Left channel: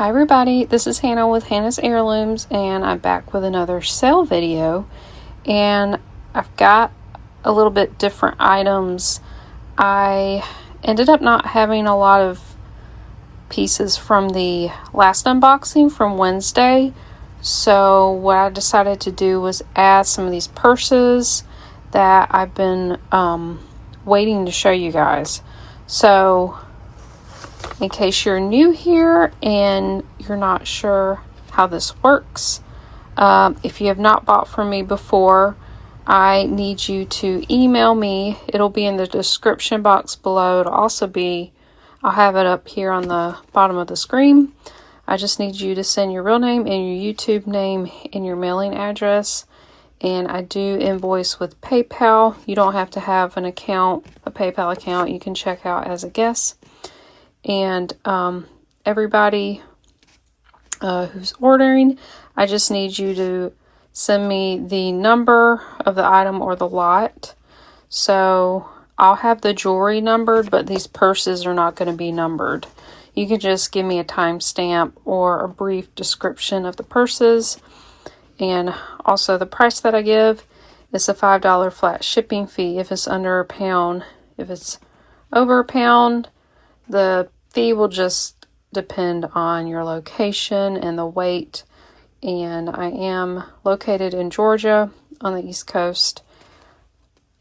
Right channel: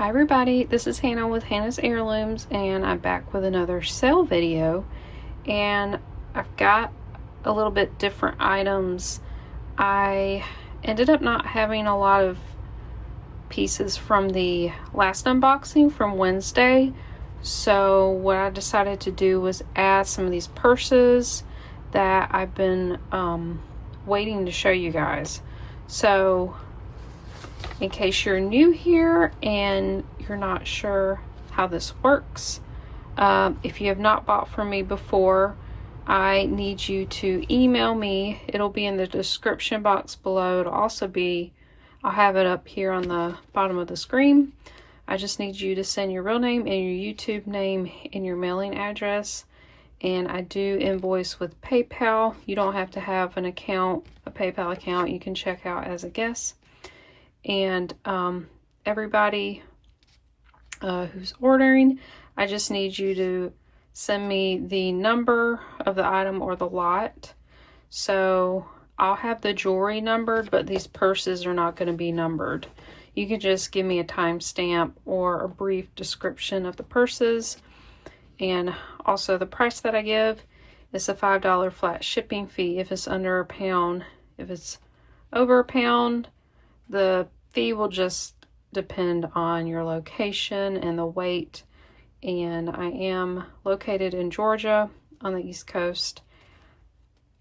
Hi everybody, this is Hannah with Hannah's Heirlooms, and I'm back with another sale video. And I've got a little bit different items. I ended up not having a lot of pieces from the last unboxing from Wednesday, so what I decided to do was add some of these purses that I've been waiting to show you guys. So in case you're new here and you're not sure how this works, if you have not bought from me before, I need you to email me. It'll be in the description box below. It'll also be, I'll have it up here on the bottom of the screen. I just need you to send your real name and your YouTube name and your mailing address. And I do invoice with PayPal. You don't have to have an account, a PayPal account. You can check out as a guest. And everybody who's ordering, I just need you to send me the number of the item or the lot. So I'll have the jewelry numbered, but these purses are not going to be numbered. You can just give me a timestamp or a brief description of the purses. And also the price that I give is a $5 flat shipping fee if it's under a pound. If it's over a pound, the fee will just depend on your location and the weight. And I am located in Georgia on the East Coast.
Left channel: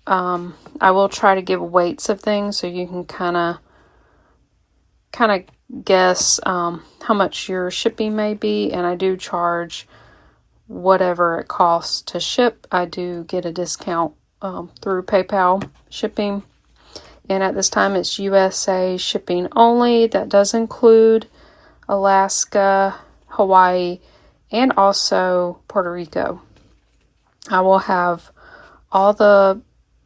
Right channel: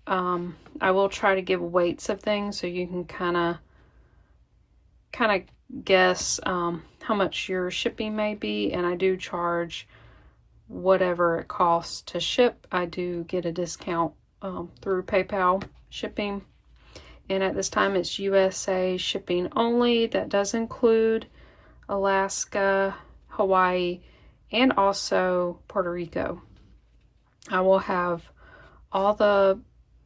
I will try to give weights of things so you can kind of guess how much your shipping may be. And I do charge whatever it costs to ship. I do get a discount through PayPal shipping. And at this time, it's USA shipping only. That does include Alaska, Hawaii, and also Puerto Rico. I will have all the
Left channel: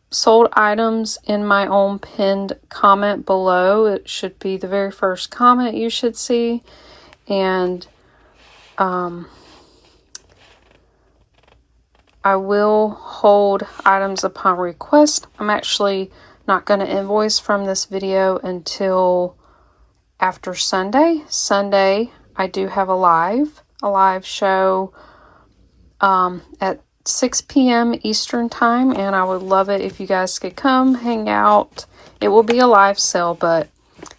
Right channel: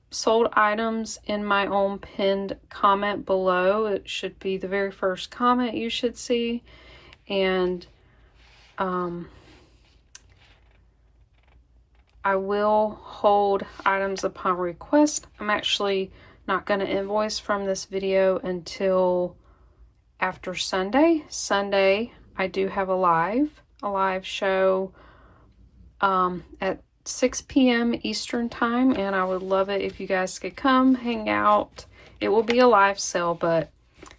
sold items in my own pinned comment below. It should be the very first comment you should see. And I will hold items upon request. I'm actually not going to invoice from this video until after Sunday. Sunday, I do have a live show at 6 p.m. Eastern time, and I would love it if you guys could come hang out. It will be a live sale, but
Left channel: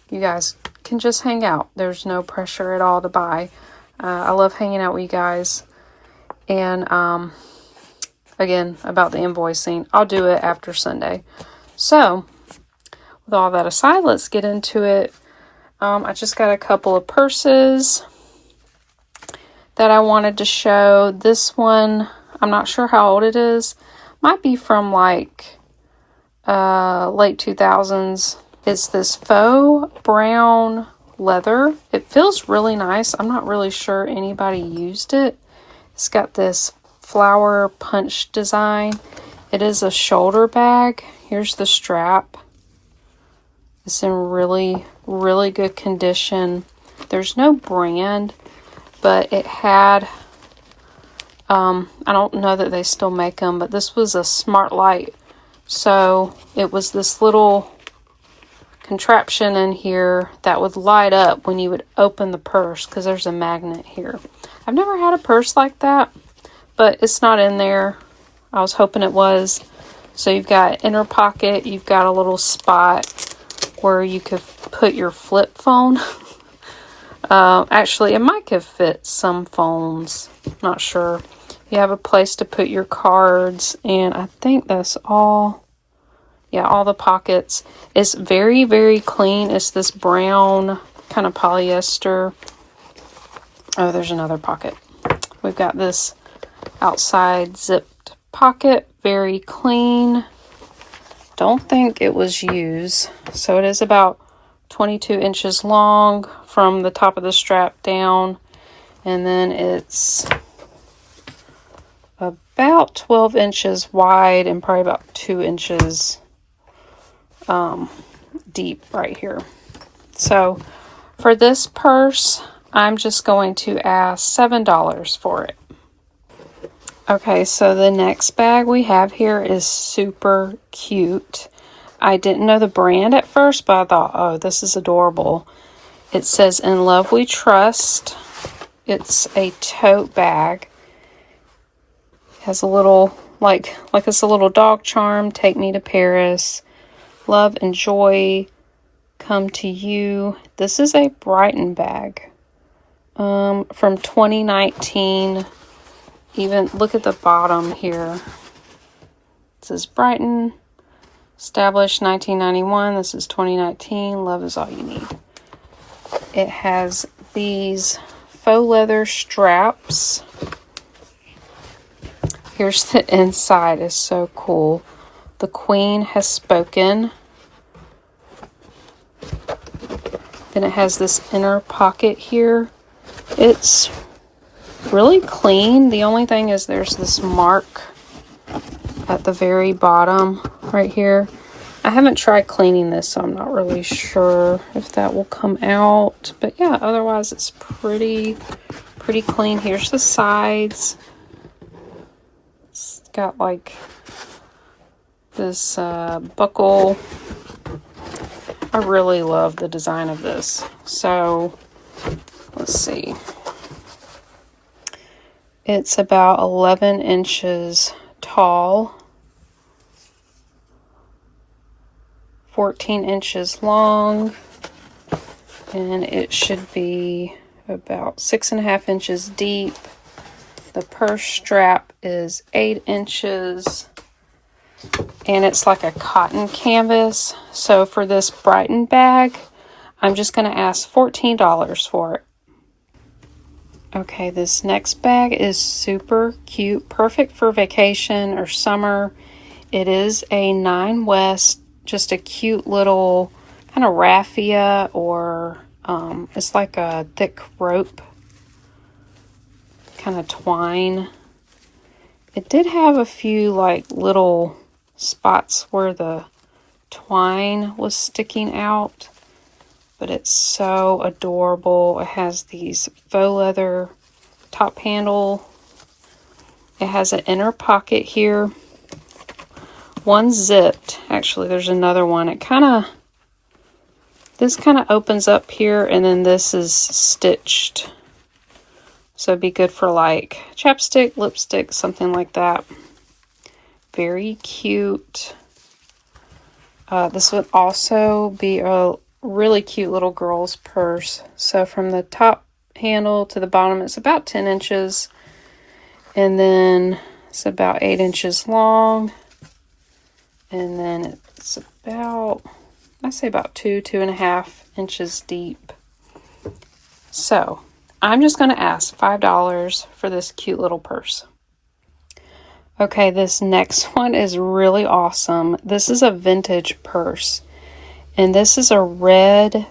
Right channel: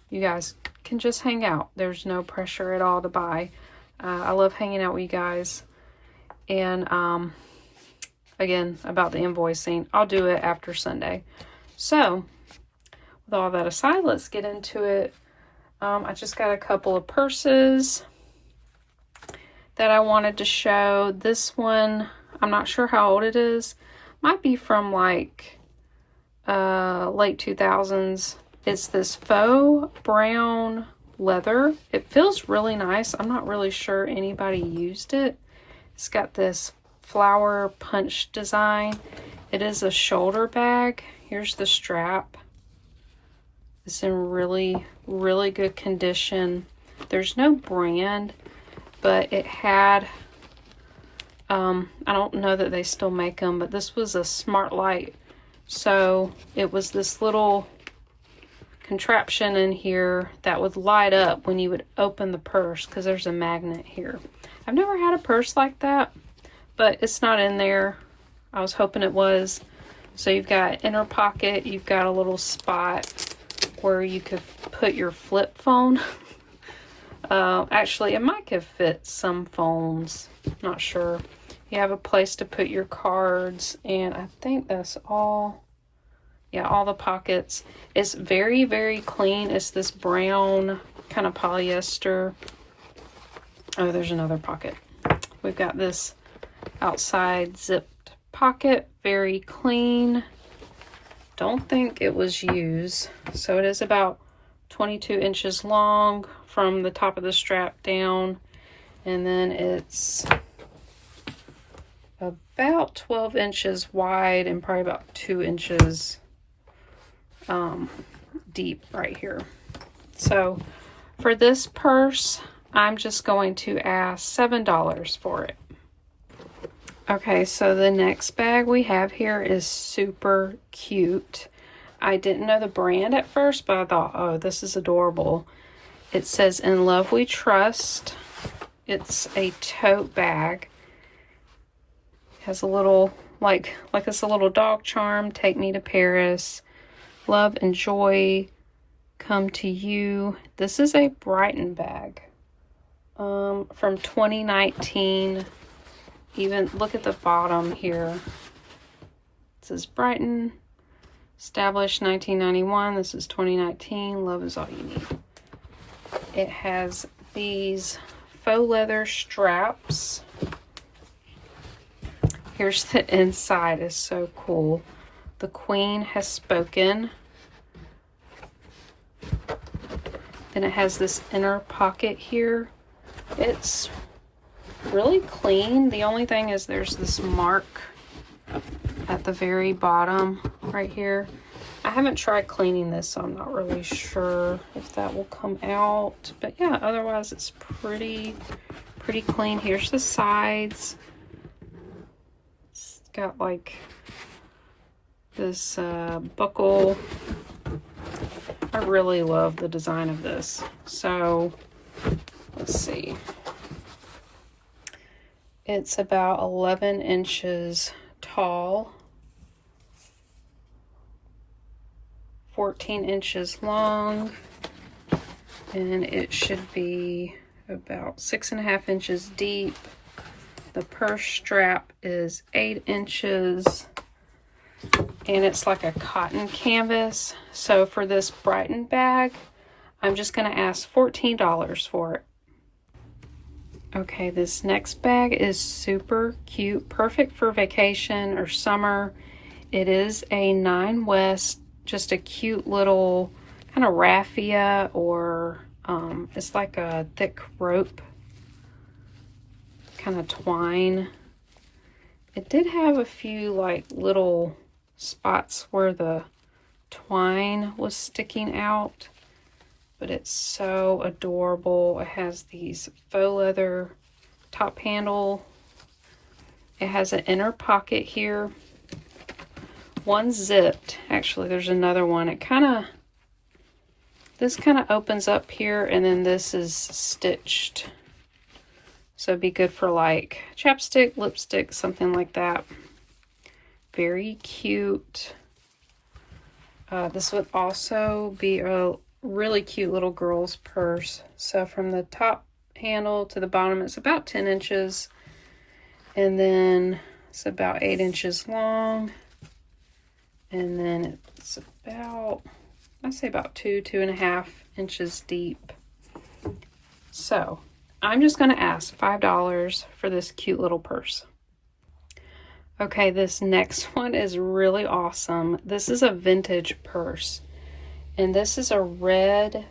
you guys can just hang out. There's no pressure at all to buy. I love hanging out with you guys. And again, about the invoicing, I'll do it after Sunday. So, with all that aside, let's get into it. I just got a couple of purses that I wanted to show. This one, I'm not sure how old it is. Might be from like late 2000s. It's this faux brown leather. It feels really nice. I'm not really sure anybody used it. It's got this flower punch design. It is a shoulder bag. Here's the strap. It's in really, really good condition. There's no brand, but it had, I don't know that they still make them, but this was a smart light. So it was this little contraption in here that would light up when you would open the purse, because there's a magnet here. I've never had a purse like that, but it's not in there. I was hoping it was. So you've got inner pocket, you've got a little spot where you could put your flip phone. Actually, it might have fit some phones. Not sure. You have a place to put your cards, and I think that's all. Yeah, all the pockets. It's very, very clean. It's this brown kind of polyester. Oh, there's another pocket. We've got this outside zipped pocket. Very clean. Don't think it was used. So it is about 22 inches long from the top of the strap down. And then it's about 12 inches wide and probably about 2 inches deep right here. So for this purse, I'm just going to ask $7 for it. Okay, so the next bag we have here is super cute. I didn't know the brand at first, but I thought, oh, this is adorable. It says, "In love we trust." It's a tote bag. Has a little, like it's a little dog charm. "Take me to Paris. Love and joy come to you." This is a Brighton bag from 2019. Even look at the bottom here. It says Brighton, established 1991. This is 2019. Love is all you need. It has these faux leather straps. Here's the inside. It's so cool. "The Queen has spoken." Then it has this inner pocket here. It's really clean. The only thing is there's this mark at the very bottom right here. I haven't tried cleaning this, so I'm not really sure if that will come out. But yeah, otherwise it's pretty clean. Here's the sides. It's got like this buckle. I really love the design of this. So let's see. It's about 11 inches tall, 14 inches long, and it should be about 6.5 inches deep. The purse strap is 8 inches, and it's like a cotton canvas. So for this Brighton bag, I'm just going to ask $14 for it. Okay, this next bag is super cute, perfect for vacation or summer. It is a 9 West, just a cute little kind of raffia, or it's like a thick rope, kind of twine. It did have a few like little spots where the twine was sticking out, but it's so adorable. It has these faux leather top handle. It has an inner pocket here. One zipped. Actually, there's another one. This kind of opens up here, and then this is stitched. So it'd be good for like chapstick, lipstick, something like that. Very cute. This would also be a really cute little girl's purse. So from the top handle to the bottom, it's about 10 inches. And then it's about 8 inches long. And then it's about, I say about 2.5 inches deep. So I'm just going to ask $5 for this cute little purse. Okay, this next one is really awesome. This is a vintage purse. And this is a red,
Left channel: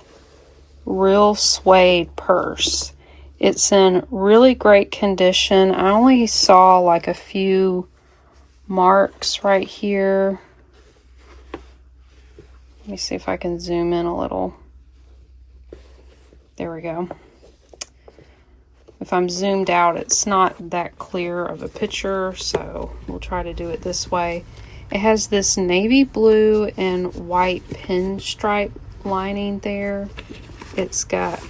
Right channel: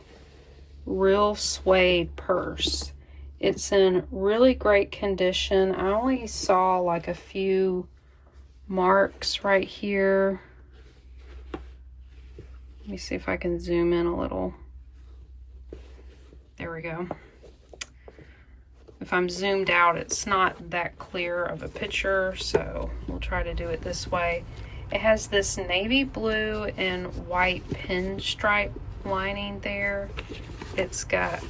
real suede purse. It's in really great condition. I only saw like a few marks right here. Let me see if I can zoom in a little. There we go. If I'm zoomed out, it's not that clear of a picture, so we'll try to do it this way. It has this navy blue and white pinstripe lining there. It's got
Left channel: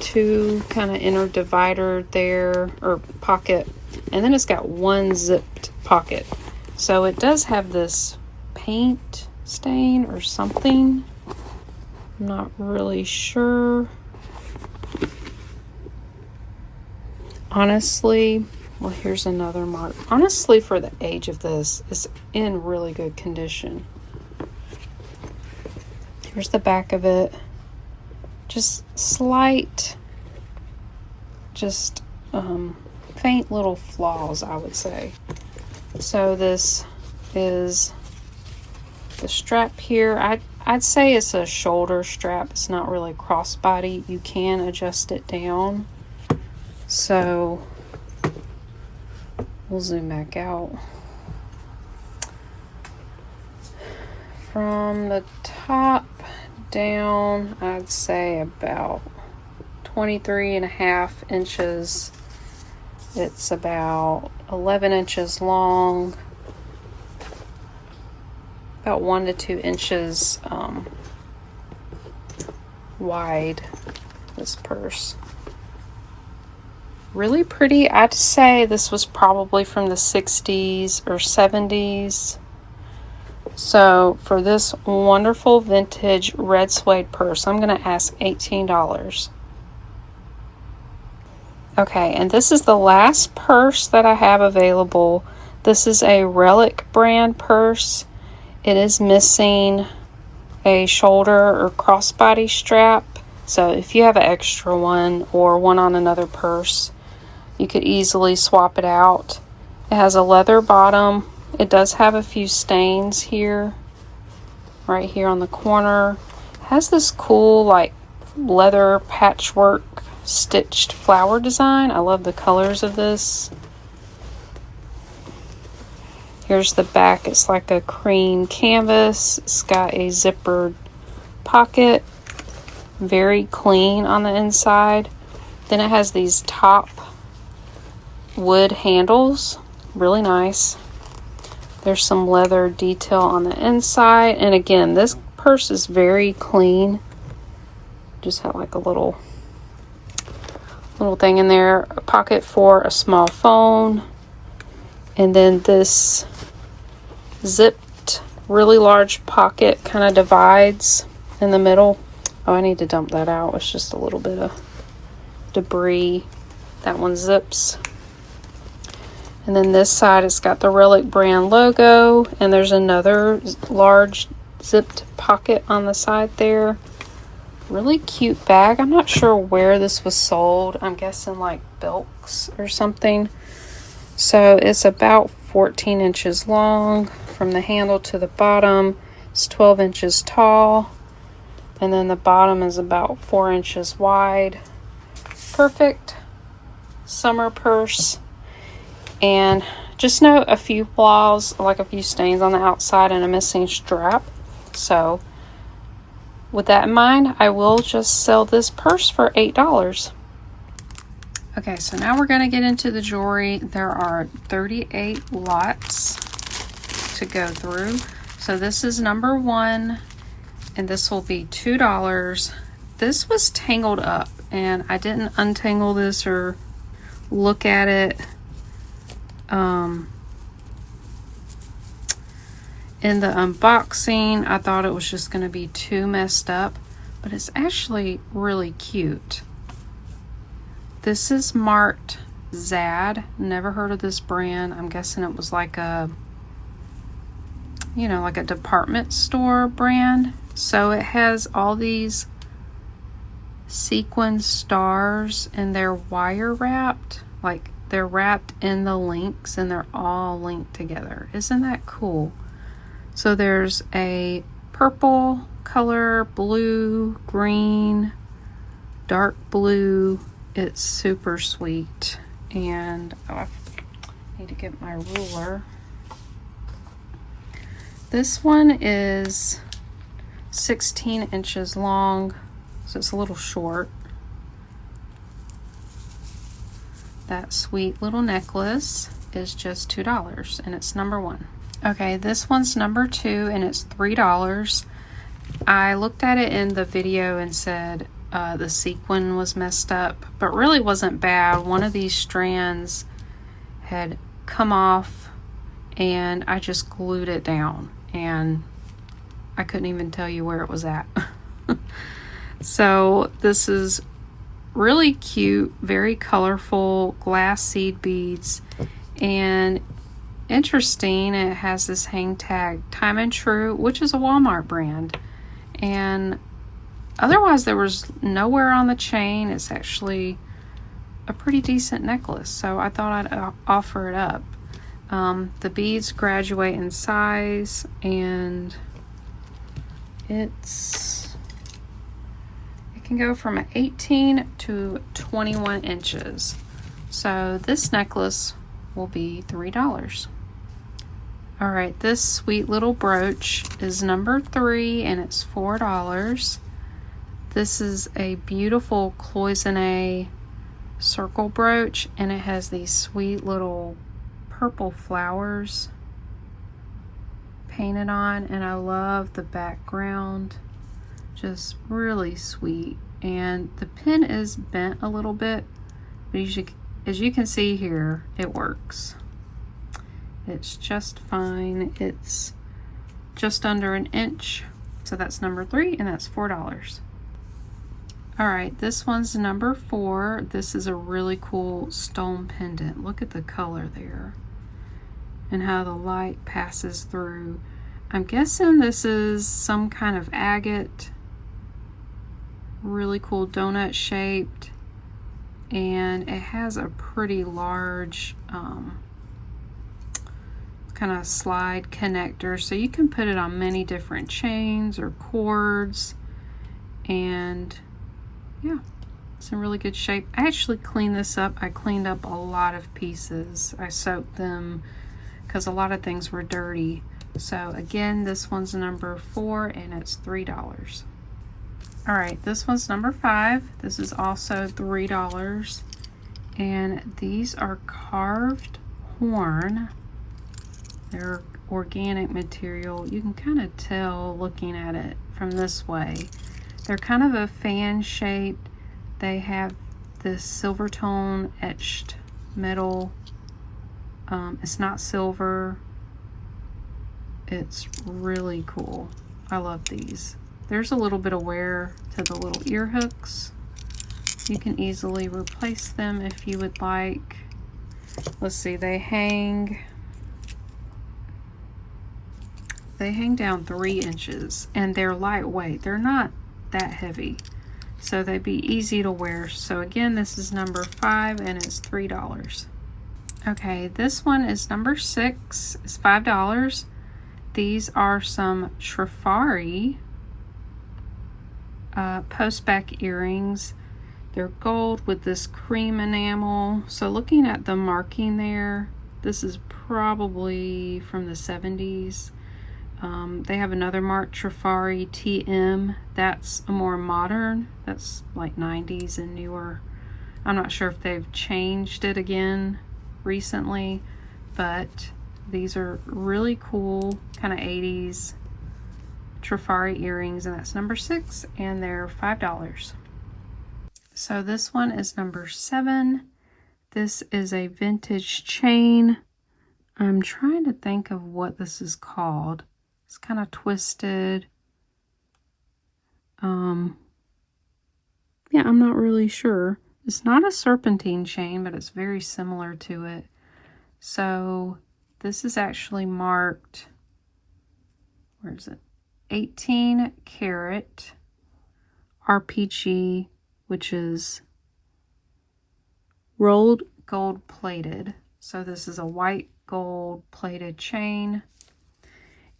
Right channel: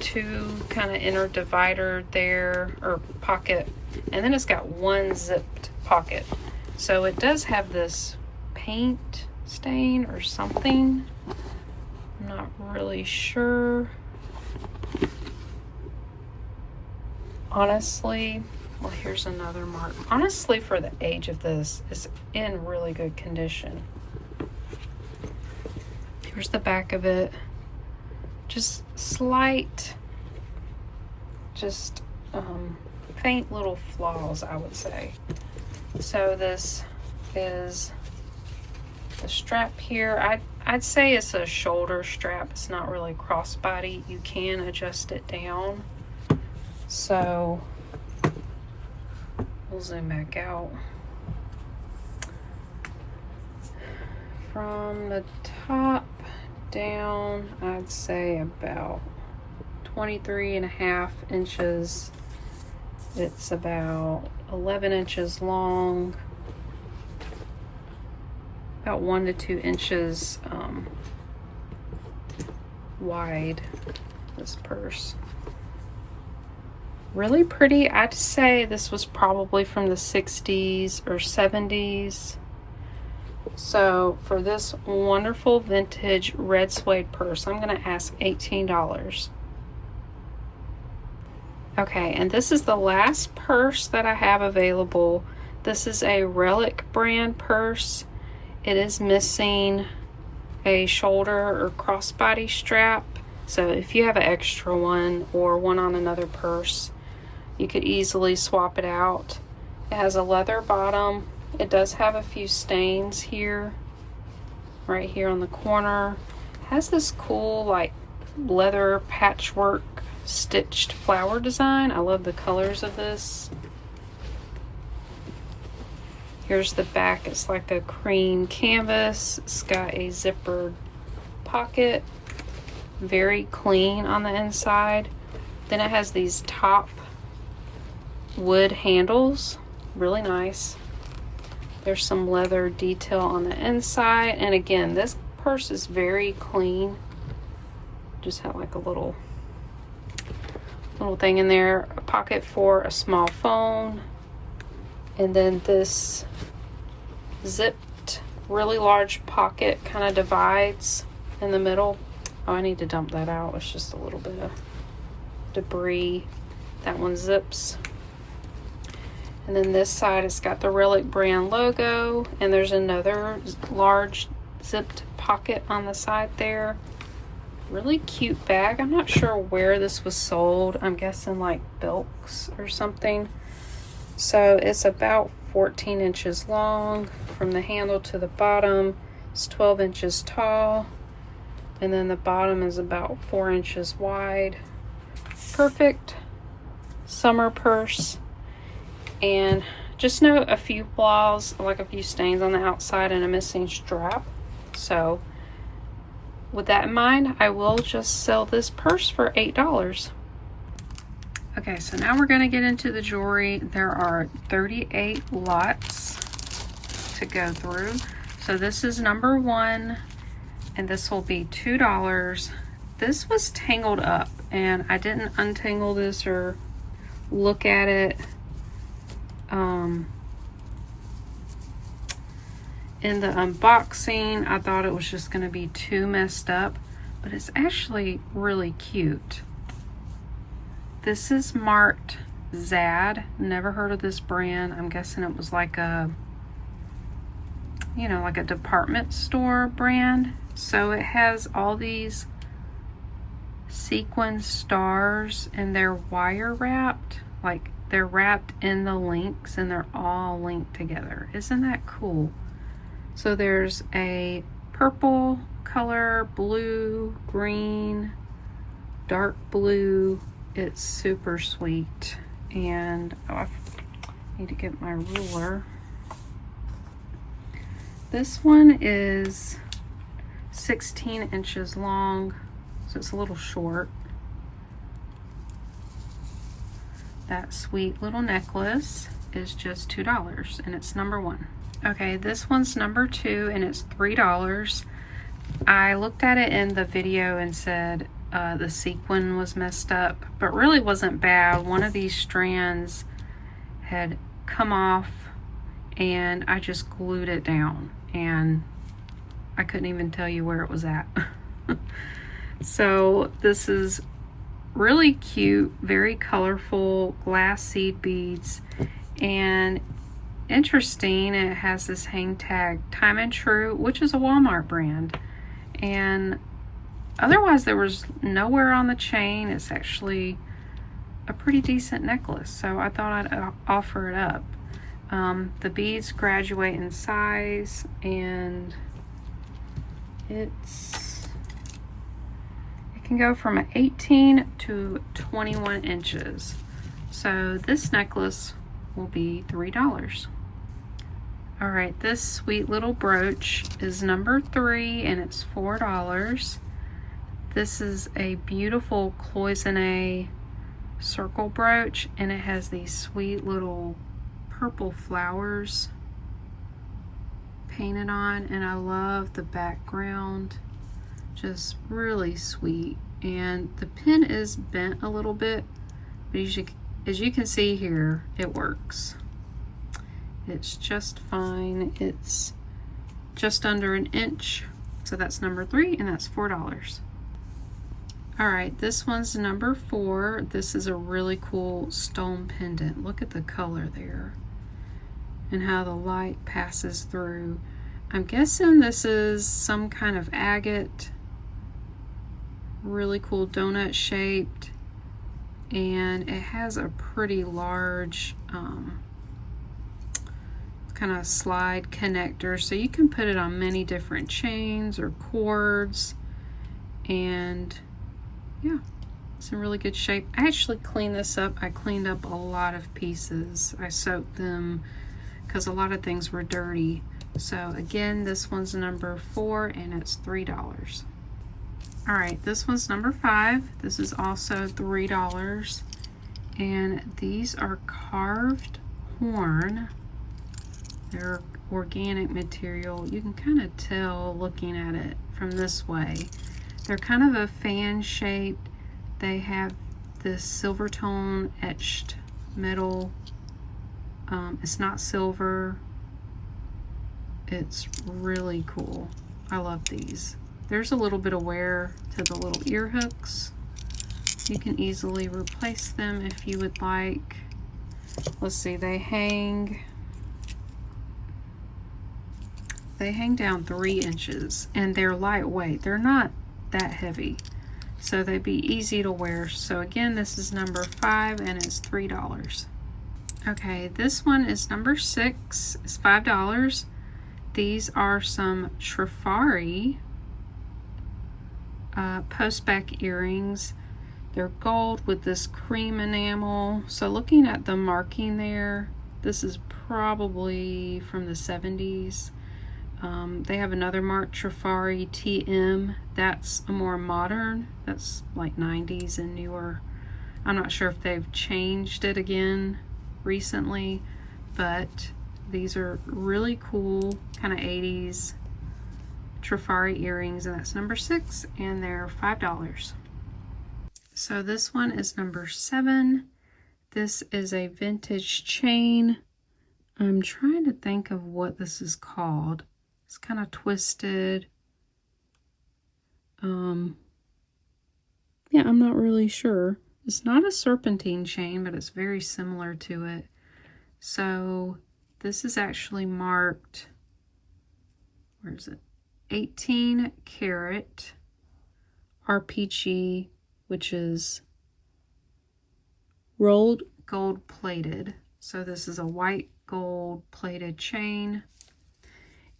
two kind of inner divider there, or pocket, and then it's got one zipped pocket. So it does have this paint stain or something. I'm not really sure. Honestly, well, here's another mark. Honestly, for the age of this, it's in really good condition. Here's the back of it. Just slight, just faint little flaws, I would say. So this is the strap here. I'd say it's a shoulder strap. It's not really crossbody. You can adjust it down. So we'll zoom back out. From the top down, I'd say about 23.5 inches. It's about 11 inches long, about 1 to 2 inches wide, this purse. Really pretty. I'd say this was probably from the 60s or 70s. So for this wonderful vintage red suede purse, I'm going to ask $18. Okay, and this is the last purse that I have available. This is a Relic brand purse. It is missing a shoulder or crossbody strap. So if you have an extra one or one on another purse, you could easily swap it out. It has a leather bottom. It does have a few stains here, right here on the corner. It has this cool like leather patchwork stitched flower design. I love the colors of this. Here's the back. It's like a cream canvas. It's got a zippered pocket. Very clean on the inside. Then it has these top wood handles. Really nice. There's some leather detail on the inside. And again, this purse is very clean. Just have like a little thing in there. A pocket for a small phone. And then this zipped, really large pocket kind of divides in the middle. Oh, I need to dump that out. It's just a little bit of debris. That one zips. And then this side, it's got the Relic brand logo. And there's another large zipped pocket on the side there. Really cute bag. I'm not sure where this was sold. I'm guessing like Belk's or something. So it's about 14 inches long from the handle to the bottom. It's 12 inches tall. And then the bottom is about 4 inches wide. Perfect summer purse. And just note a few flaws, like a few stains on the outside and a missing strap. So with that in mind, I will just sell this purse for $8. Okay, so now we're going to get into the jewelry. There are 38 lots to go through. So this is number 1, and this will be $2. This was tangled up, and I didn't untangle this or look at it in the unboxing. I thought it was just going to be too messed up, but it's actually really cute. This is marked Zad. Never heard of this brand. I'm guessing it was like a, you know, like a department store brand. So it has all these sequin stars, and they're wire wrapped. Like they're wrapped in the links, and they're all linked together. Isn't that cool? So there's a purple color, blue, green, dark blue. It's super sweet. And I need to get my ruler. This one is 16 inches long, so it's a little short. That sweet little necklace is just $2, and it's number 1. Okay, this one's number 2, and it's $3. I looked at it in the video and said the sequin was messed up, but really wasn't bad. One of these strands had come off, and I just glued it down, and I couldn't even tell you where it was at. So this is really cute, very colorful glass seed beads, and interesting, it has this hang tag, Time and True, which is a Walmart brand. And otherwise there was nowhere on the chain. It's actually a pretty decent necklace, so I thought I'd offer it up. The beads graduate in size, and it can go from 18 to 21 inches. So this necklace will be $3. All right, this sweet little brooch is number 3, and it's $4. This is a beautiful cloisonne circle brooch, and it has these sweet little purple flowers painted on, and I love the background. Just really sweet. And the pin is bent a little bit, but as you can see here, it works. It's just fine. It's just under an inch. So that's number 3, and that's $4. All right, this one's number 4. This is a really cool stone pendant. Look at the color there and how the light passes through. I'm guessing this is some kind of agate. Really cool donut shaped, and it has a pretty large kind of slide connector, so you can put it on many different chains or cords. And yeah, it's in really good shape. I actually cleaned this up. I cleaned up a lot of pieces. I soaked them because a lot of things were dirty. So again, this one's number 4, and it's $3. All right, this one's number 5. This is also $3, and these are carved horn. They're organic material. You can kind of tell looking at it from this way. They're kind of a fan shaped. They have this silver tone etched metal. It's not silver. It's really cool. I love these. There's a little bit of wear to the little ear hooks. You can easily replace them if you would like. Let's see, they hang down 3 inches, and they're lightweight. They're not that heavy, so they'd be easy to wear. So again, this is number 5, and it's $3. Okay, this one is number 6. It's $5. These are some Trifari post-back earrings. They're gold with this cream enamel. So looking at the marking there, this is probably from the 70s. They have another mark, Trifari TM. That's a more modern. That's like 90s and newer. I'm not sure if they've changed it again recently, but these are really cool, kind of 80s Trifari earrings, and that's number 6, and they're $5. So this one is number 7. This is a vintage chain. I'm trying to think of what this is called. It's kind of twisted. Yeah, I'm not really sure. It's not a serpentine chain, but it's very similar to it. So this is actually marked, where is it? 18 karat RPG, which is rolled gold plated. So this is a white gold plated chain,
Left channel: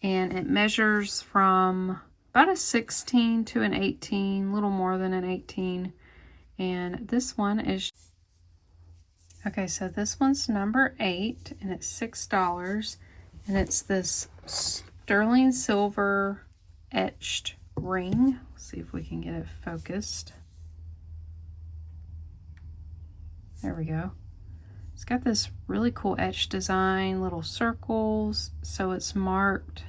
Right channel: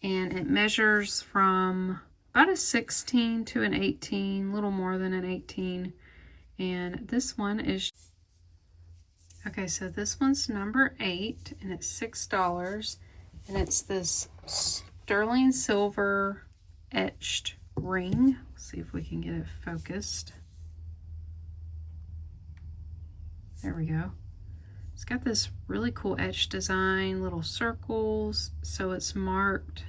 and it measures from about a 16 to an 18, a little more than an 18. And this one is, okay, so this one's number 8, and it's $6, and it's this sterling silver etched ring. Let's see if we can get it focused. There we go. It's got this really cool etched design, little circles. So it's marked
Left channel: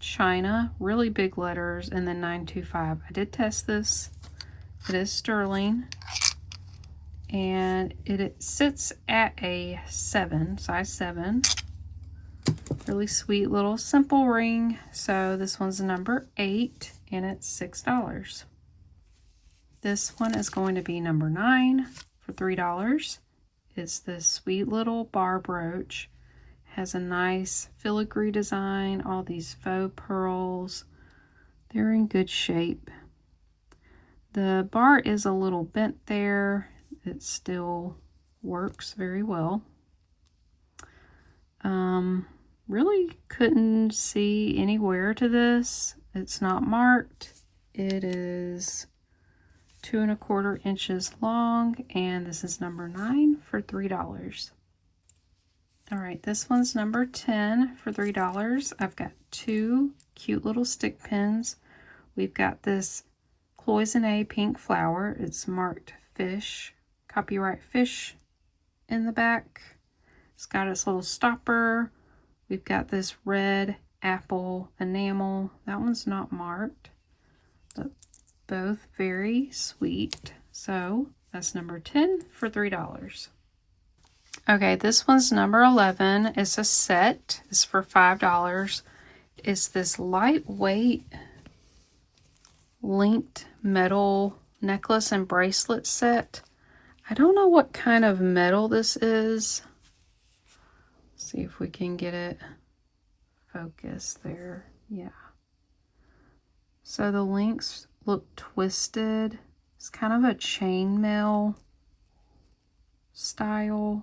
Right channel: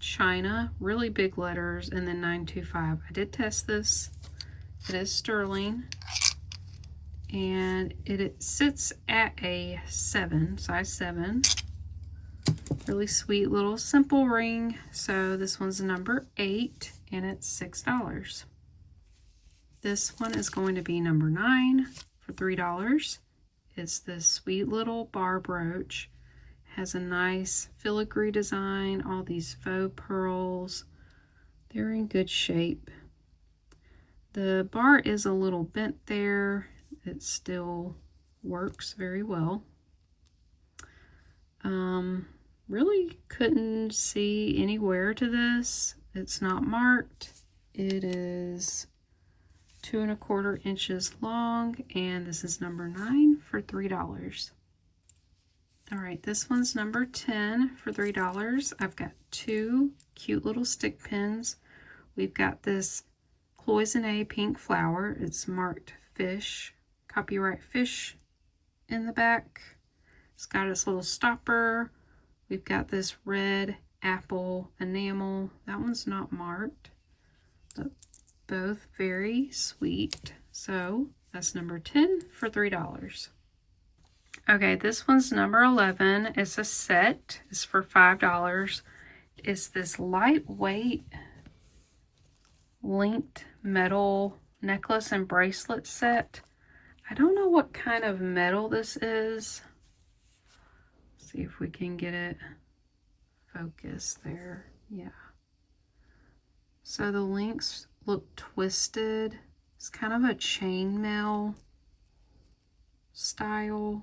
China, really big letters, and then 925. I did test this. It is sterling, and it sits at a 7, size 7. Really sweet little simple ring. So this one's number 8, and it's $6. This one is going to be number 9 for $3. It's this sweet little bar brooch. Has a nice filigree design, all these faux pearls. They're in good shape. The bar is a little bent there. It still works very well. Really couldn't see any wear to this. It's not marked. It is 2 1/4 inches long, and this is number 9 for $3. All right, this one's number 10 for $3. I've got 2 cute little stick pins. We've got this cloisonne pink flower. It's marked fish, copyright fish in the back. It's got its little stopper. We've got this red apple enamel. That one's not marked. but both very sweet. So that's number 10 for $3. Okay, this one's number 11. It's a set. It's for $5. It's this lightweight linked metal necklace and bracelet set. I don't know what kind of metal this is. Let's see if we can get it focused there. Yeah. So the links look twisted. It's kind of a chainmail style.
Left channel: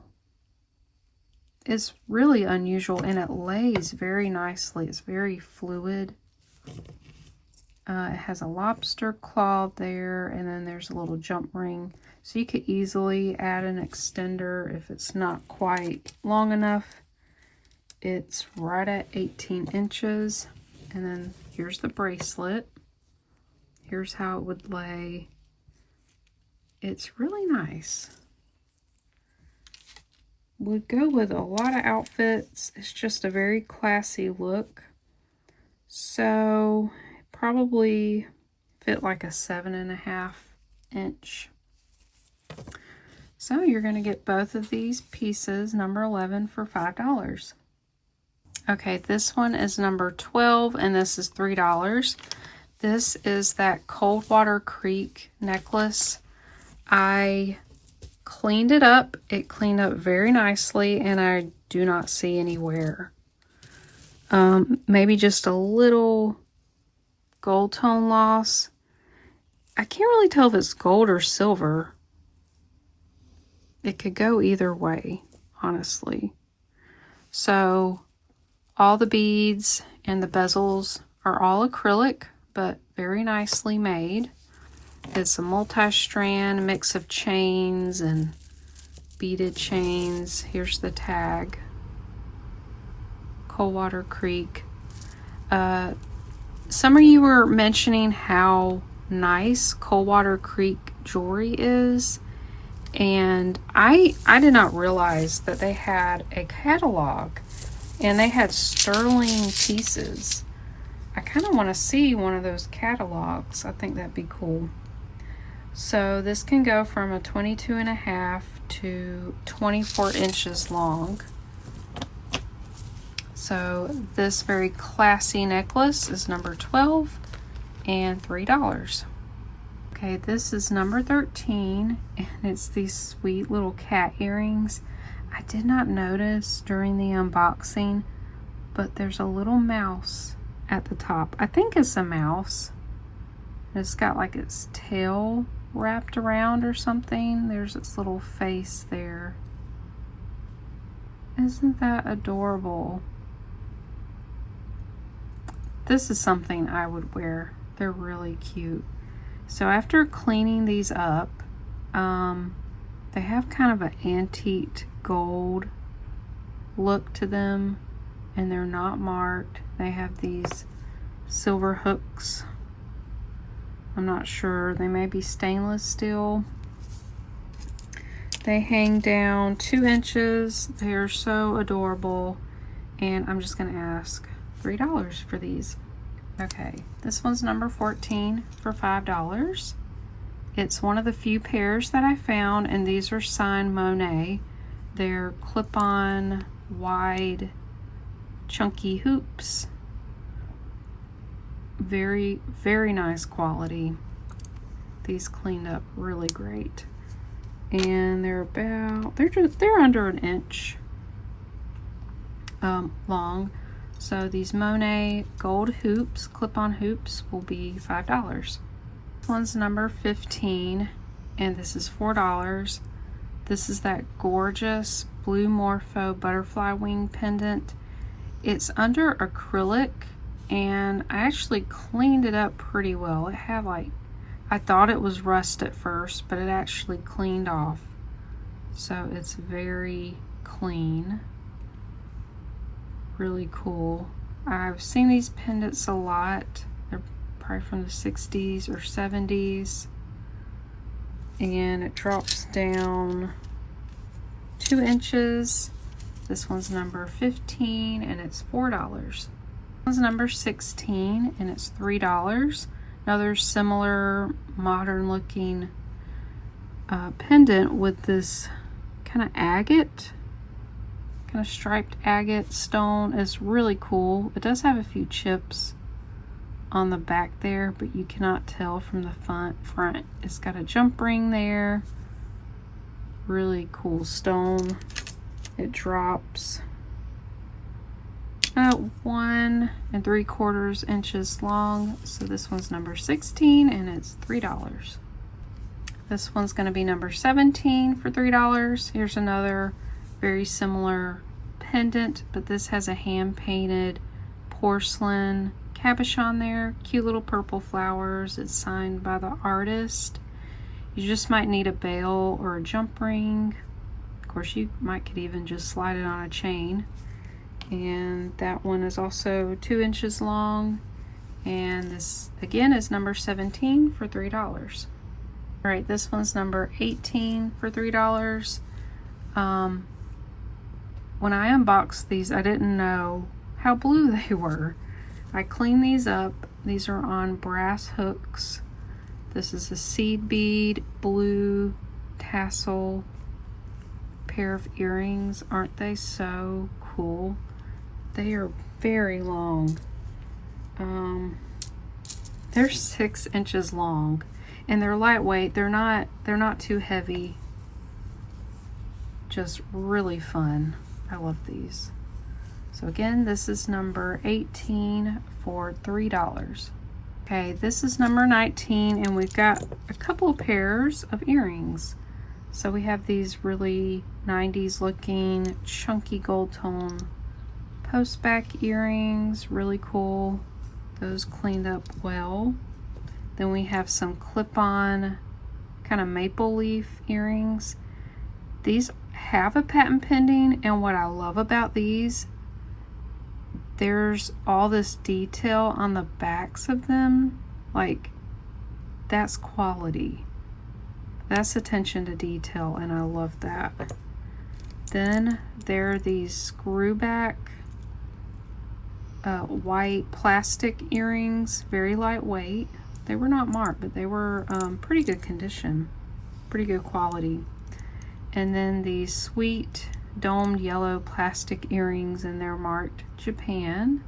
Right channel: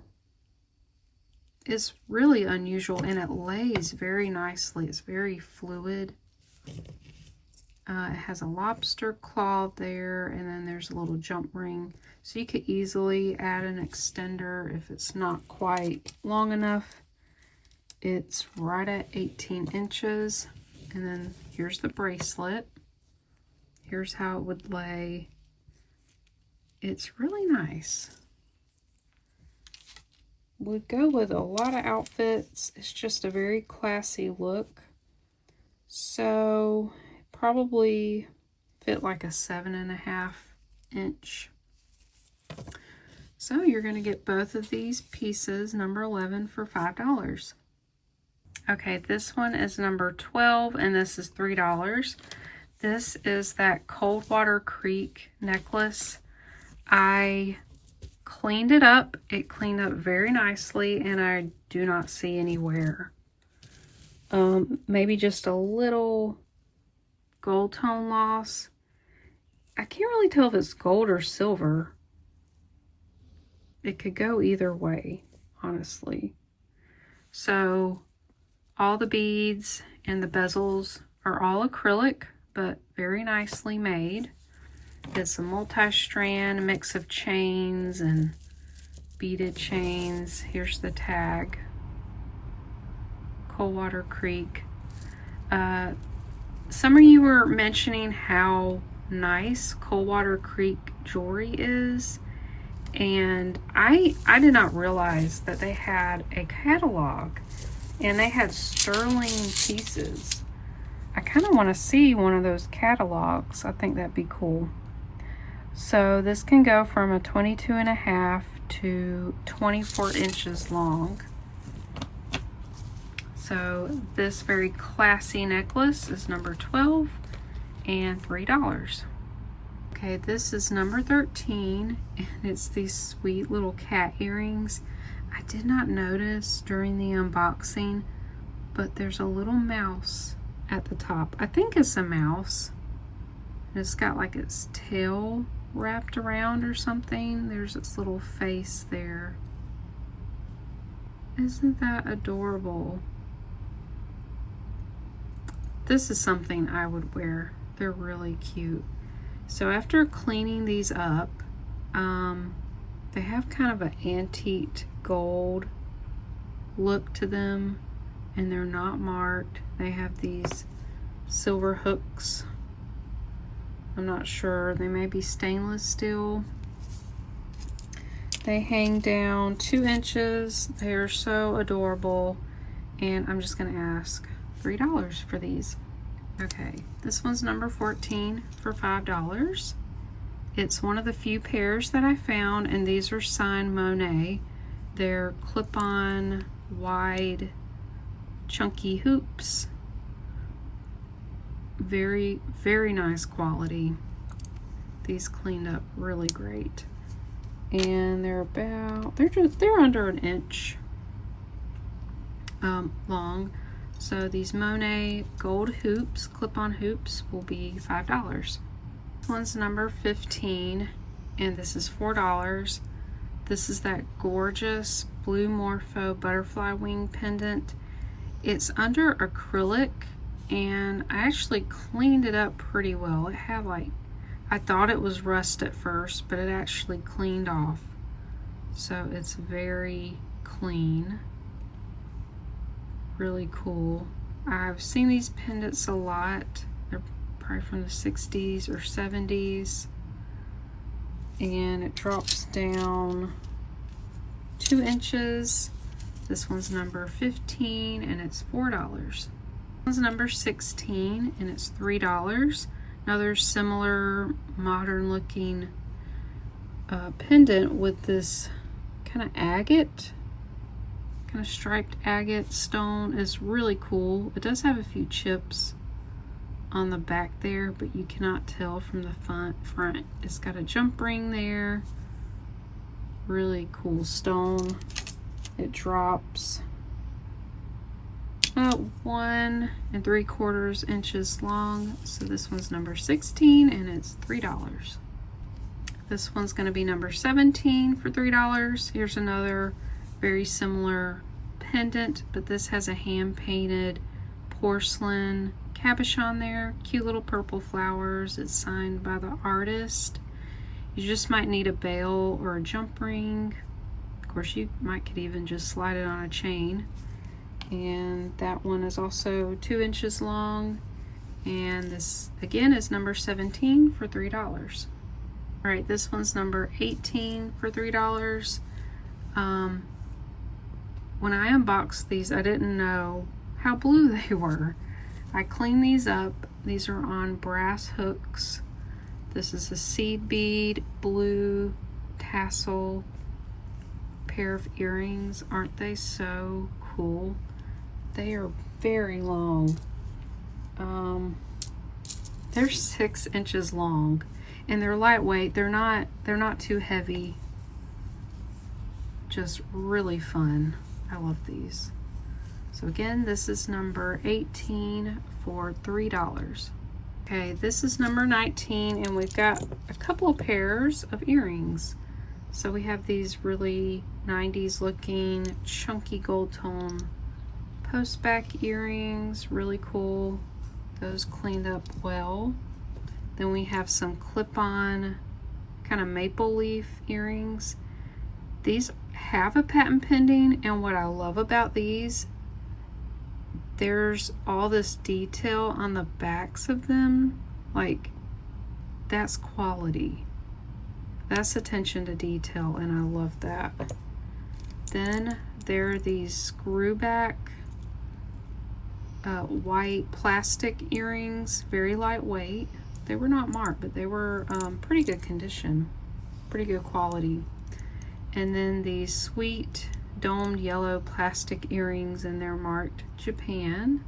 It's really unusual and it lays very nicely. It's very fluid. It has a lobster claw there, and then there's a little jump ring. So you could easily add an extender if it's not quite long enough. It's right at 18 inches. And then here's the bracelet. Here's how it would lay. It's really nice. Would go with a lot of outfits. It's just a very classy look. So probably fit like a 7.5 inch. So you're going to get both of these pieces, number 11, for $5. Okay, this one is number 12, and this is $3. This is that Coldwater Creek necklace. I cleaned it up. It cleaned up very nicely, and I do not see any wear. Maybe just a little gold tone loss. I can't really tell if it's gold or silver. It could go either way, honestly. So all the beads and the bezels are all acrylic, but very nicely made. It's a multi-strand mix of chains and beaded chains. Here's the tag. Coldwater Creek. Some of you were mentioning how nice Coldwater Creek jewelry is, and I did not realize that they had a catalog and they had sterling pieces. I kind of want to see one of those catalogs. I think that'd be cool. So this can go from a 22.5 to 24 inches long. So this very classy necklace is number 12 and $3. Okay, this is number 13, and it's these sweet little cat earrings. I did not notice during the unboxing, but there's a little mouse at the top. I think it's a mouse. It's got like its tail wrapped around or something. There's its little face there. Isn't that adorable? This is something I would wear. They're really cute. So after cleaning these up, they have kind of an antique gold look to them, and they're not marked. They have these silver hooks. I'm not sure. They may be stainless steel. They hang down 2 inches. They are so adorable, and I'm just going to ask $3 for these. Okay, this one's number 14 for $5. It's one of the few pairs that I found, and these are signed Monet. They're clip-on, wide, chunky hoops. Very, very nice quality. These cleaned up really great. And they're under an inch long. So these Monet gold hoops, clip-on hoops, will be $5. This one's number 15, and this is $4. This is that gorgeous blue Morpho butterfly wing pendant. It's under acrylic, and I actually cleaned it up pretty well. It had I thought it was rust at first, but it actually cleaned off. So it's very clean. Really cool. I've seen these pendants a lot. They're probably from the 60s or 70s. And it drops down 2 inches. This one's number 15, and it's $4. This one's number 16, and it's $3. Another similar modern looking pendant with this kind of agate, kind of striped agate stone. Is really cool. It does have a few chips on the back there, but you cannot tell from the front. It's got a jump ring there. Really cool stone. It drops 1 3/4 inches long. So this one's number 16 and it's $3. This one's going to be number 17 for $3. Here's another very similar pendant, but this has a hand-painted porcelain cabochon there. Cute little purple flowers. It's signed by the artist. You just might need a bail or a jump ring. Of course, you could even just slide it on a chain. And that one is also 2 inches long. And this again is number 17 for $3. All right, this one's number 18 for $3. When I unboxed these, I didn't know how blue they were. I cleaned these up. These are on brass hooks. This is a seed bead blue tassel pair of earrings. Aren't they so cool? They are very long. They're 6 inches long, and they're lightweight. They're not too heavy. Just really fun. I love these. So again, this is number 18 for $3. Okay, this is number 19, and we've got a couple of pairs of earrings. So we have these really 90s looking chunky gold tone post back earrings, really cool. Those cleaned up well. Then we have some clip-on kind of maple leaf earrings. These have a patent pending, and what I love about these, there's all this detail on the backs of them. Like, that's quality. That's attention to detail, and I love that. Then there are these screw back white plastic earrings, very lightweight. They were not marked, but they were pretty good condition, pretty good quality. And then these sweet domed yellow plastic earrings, and they're marked Japan.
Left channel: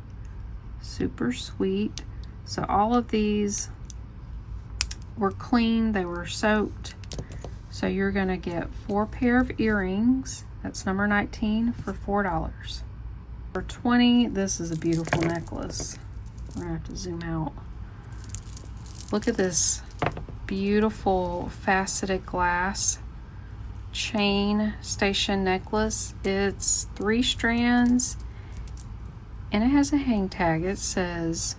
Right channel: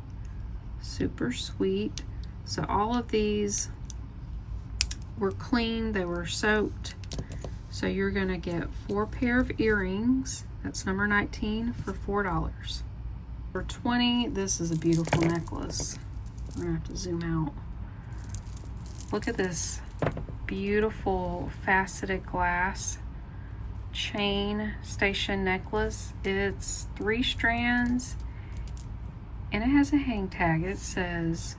Super sweet. So all of these were clean, they were soaked. So you're gonna get 4 pair of earrings. That's number 19 for $4. For 20, this is a beautiful necklace. We're gonna have to zoom out. Look at this beautiful faceted glass chain station necklace. It's 3 strands, and it has a hang tag. It says,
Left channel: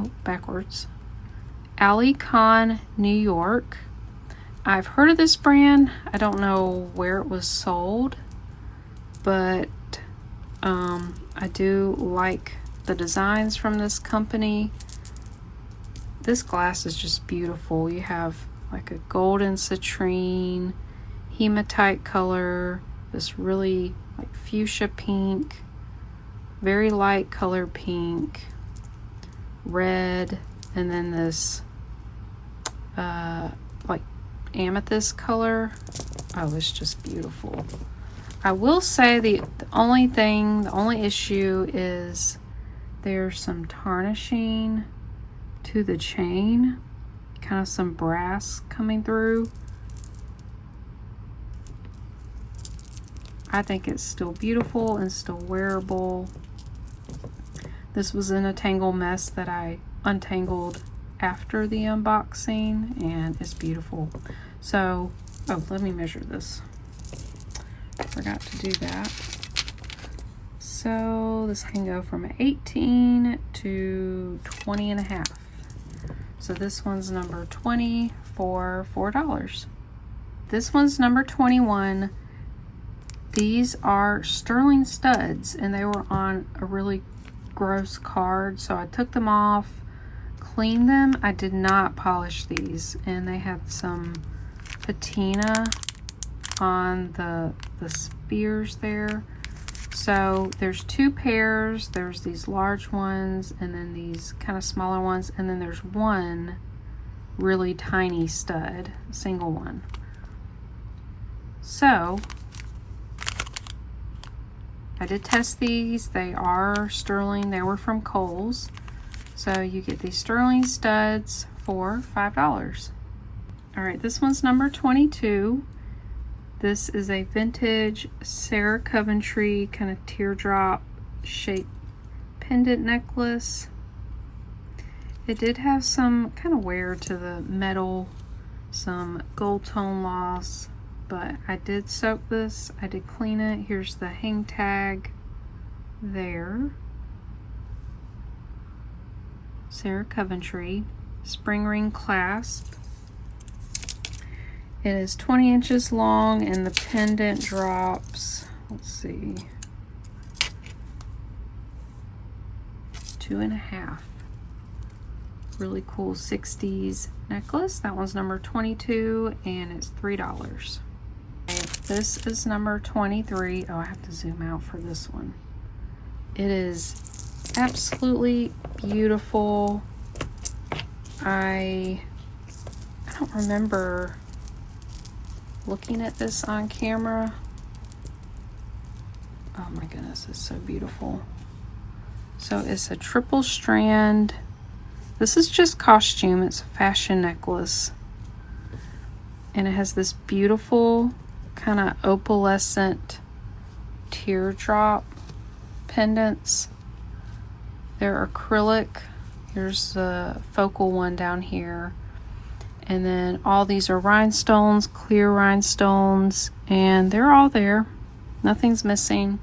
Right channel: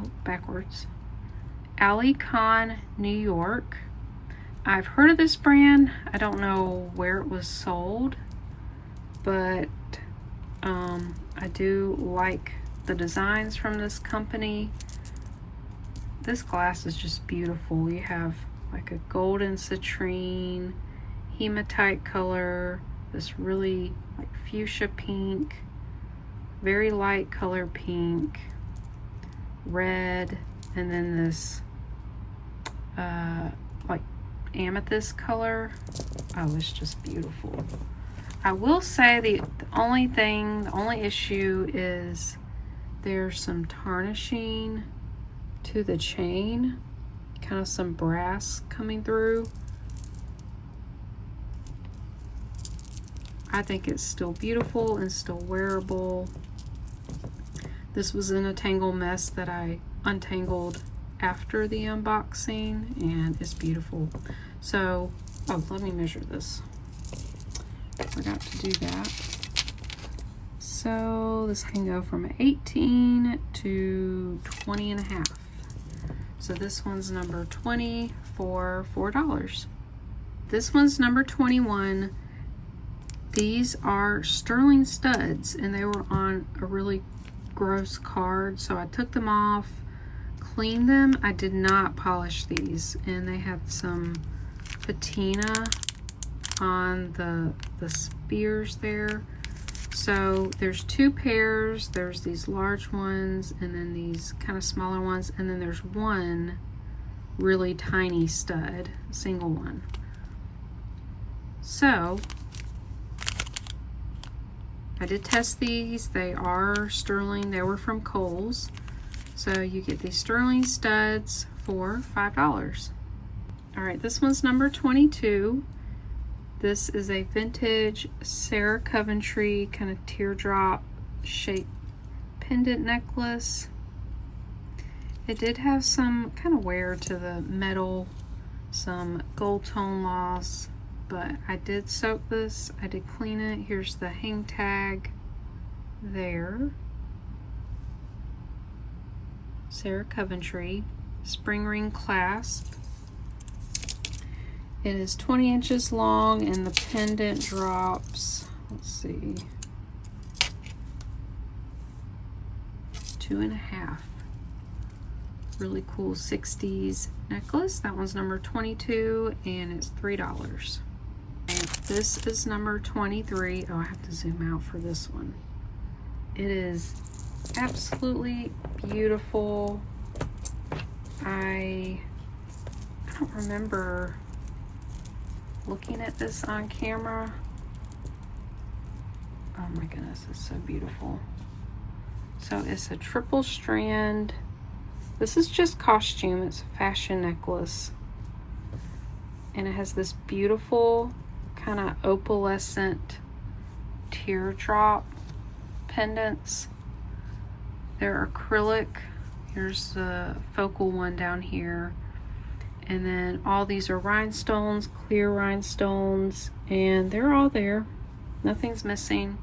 oh, backwards, Ali Khan, New York. I've heard of this brand. I don't know where it was sold, but I do like the designs from this company. This glass is just beautiful. You have like a golden citrine, hematite color, this really like fuchsia pink, very light color pink, red, and then this like amethyst color. Oh, it's just beautiful. I will say the only issue is there's some tarnishing to the chain, kind of some brass coming through. I think it's still beautiful and still wearable. This was in a tangle mess that I untangled after the unboxing, and it's beautiful. So, oh, let me measure this. Forgot to do that. So this can go from 18 to 20 and a half. So this one's number 20 for $4. This one's number 21. These are sterling studs, and they were on a really gross card, so I took them off, cleaned them. I did not polish these, and they had some patina on the spears there. So there's two pairs. There's these large ones and then these kind of smaller ones, and then there's one really tiny stud, single one. So I did test these. They are sterling. They were from Kohl's. So you get these sterling studs for $5. All right, this one's number 22. This is a vintage Sarah Coventry kind of teardrop shaped pendant necklace. It did have some kind of wear to the metal, some gold tone loss, but I did soak this. I did clean it. Here's the hang tag there. Sarah Coventry spring ring clasp. It is 20 inches long and the pendant drops, let's see, 2.5. Really cool 60s necklace. That one's number 22 and it's $3. This is number 23. Oh, I have to zoom out for this one. It is absolutely beautiful. I don't remember looking at this on camera. Oh my goodness, it's so beautiful. So it's a triple strand. This is just costume. It's a fashion necklace. And it has this beautiful kind of opalescent teardrop pendants. They're acrylic. There's a focal one down here. And then all these are rhinestones, clear rhinestones, and they're all there. Nothing's missing.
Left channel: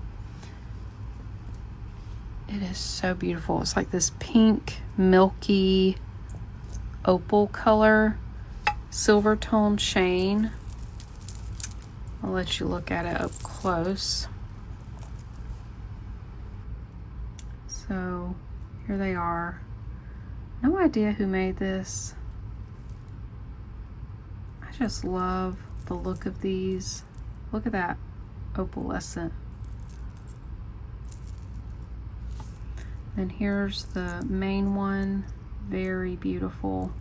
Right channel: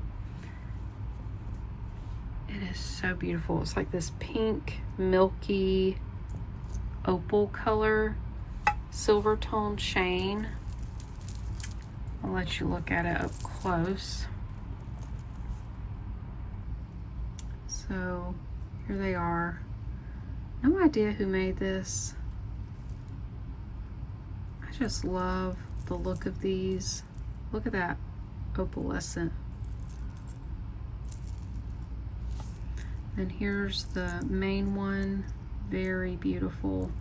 It is so beautiful. It's like this pink, milky, opal color, silver tone chain. I'll let you look at it up close. So here they are. No idea who made this. I just love the look of these. Look at that opalescent. And here's the main one. Very beautiful.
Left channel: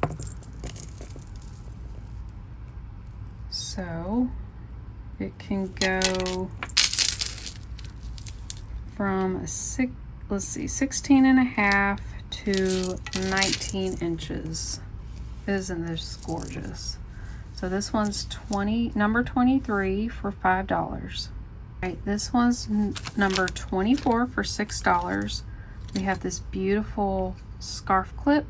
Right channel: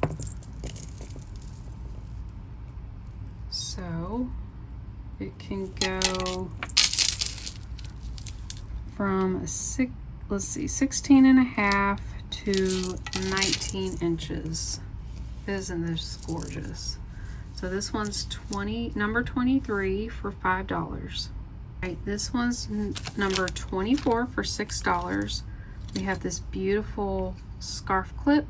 So it can go from 16.5 to 19 inches. Isn't this gorgeous? So this one's number 23 for $5. Right, this one's number 24 for $6. We have this beautiful scarf clip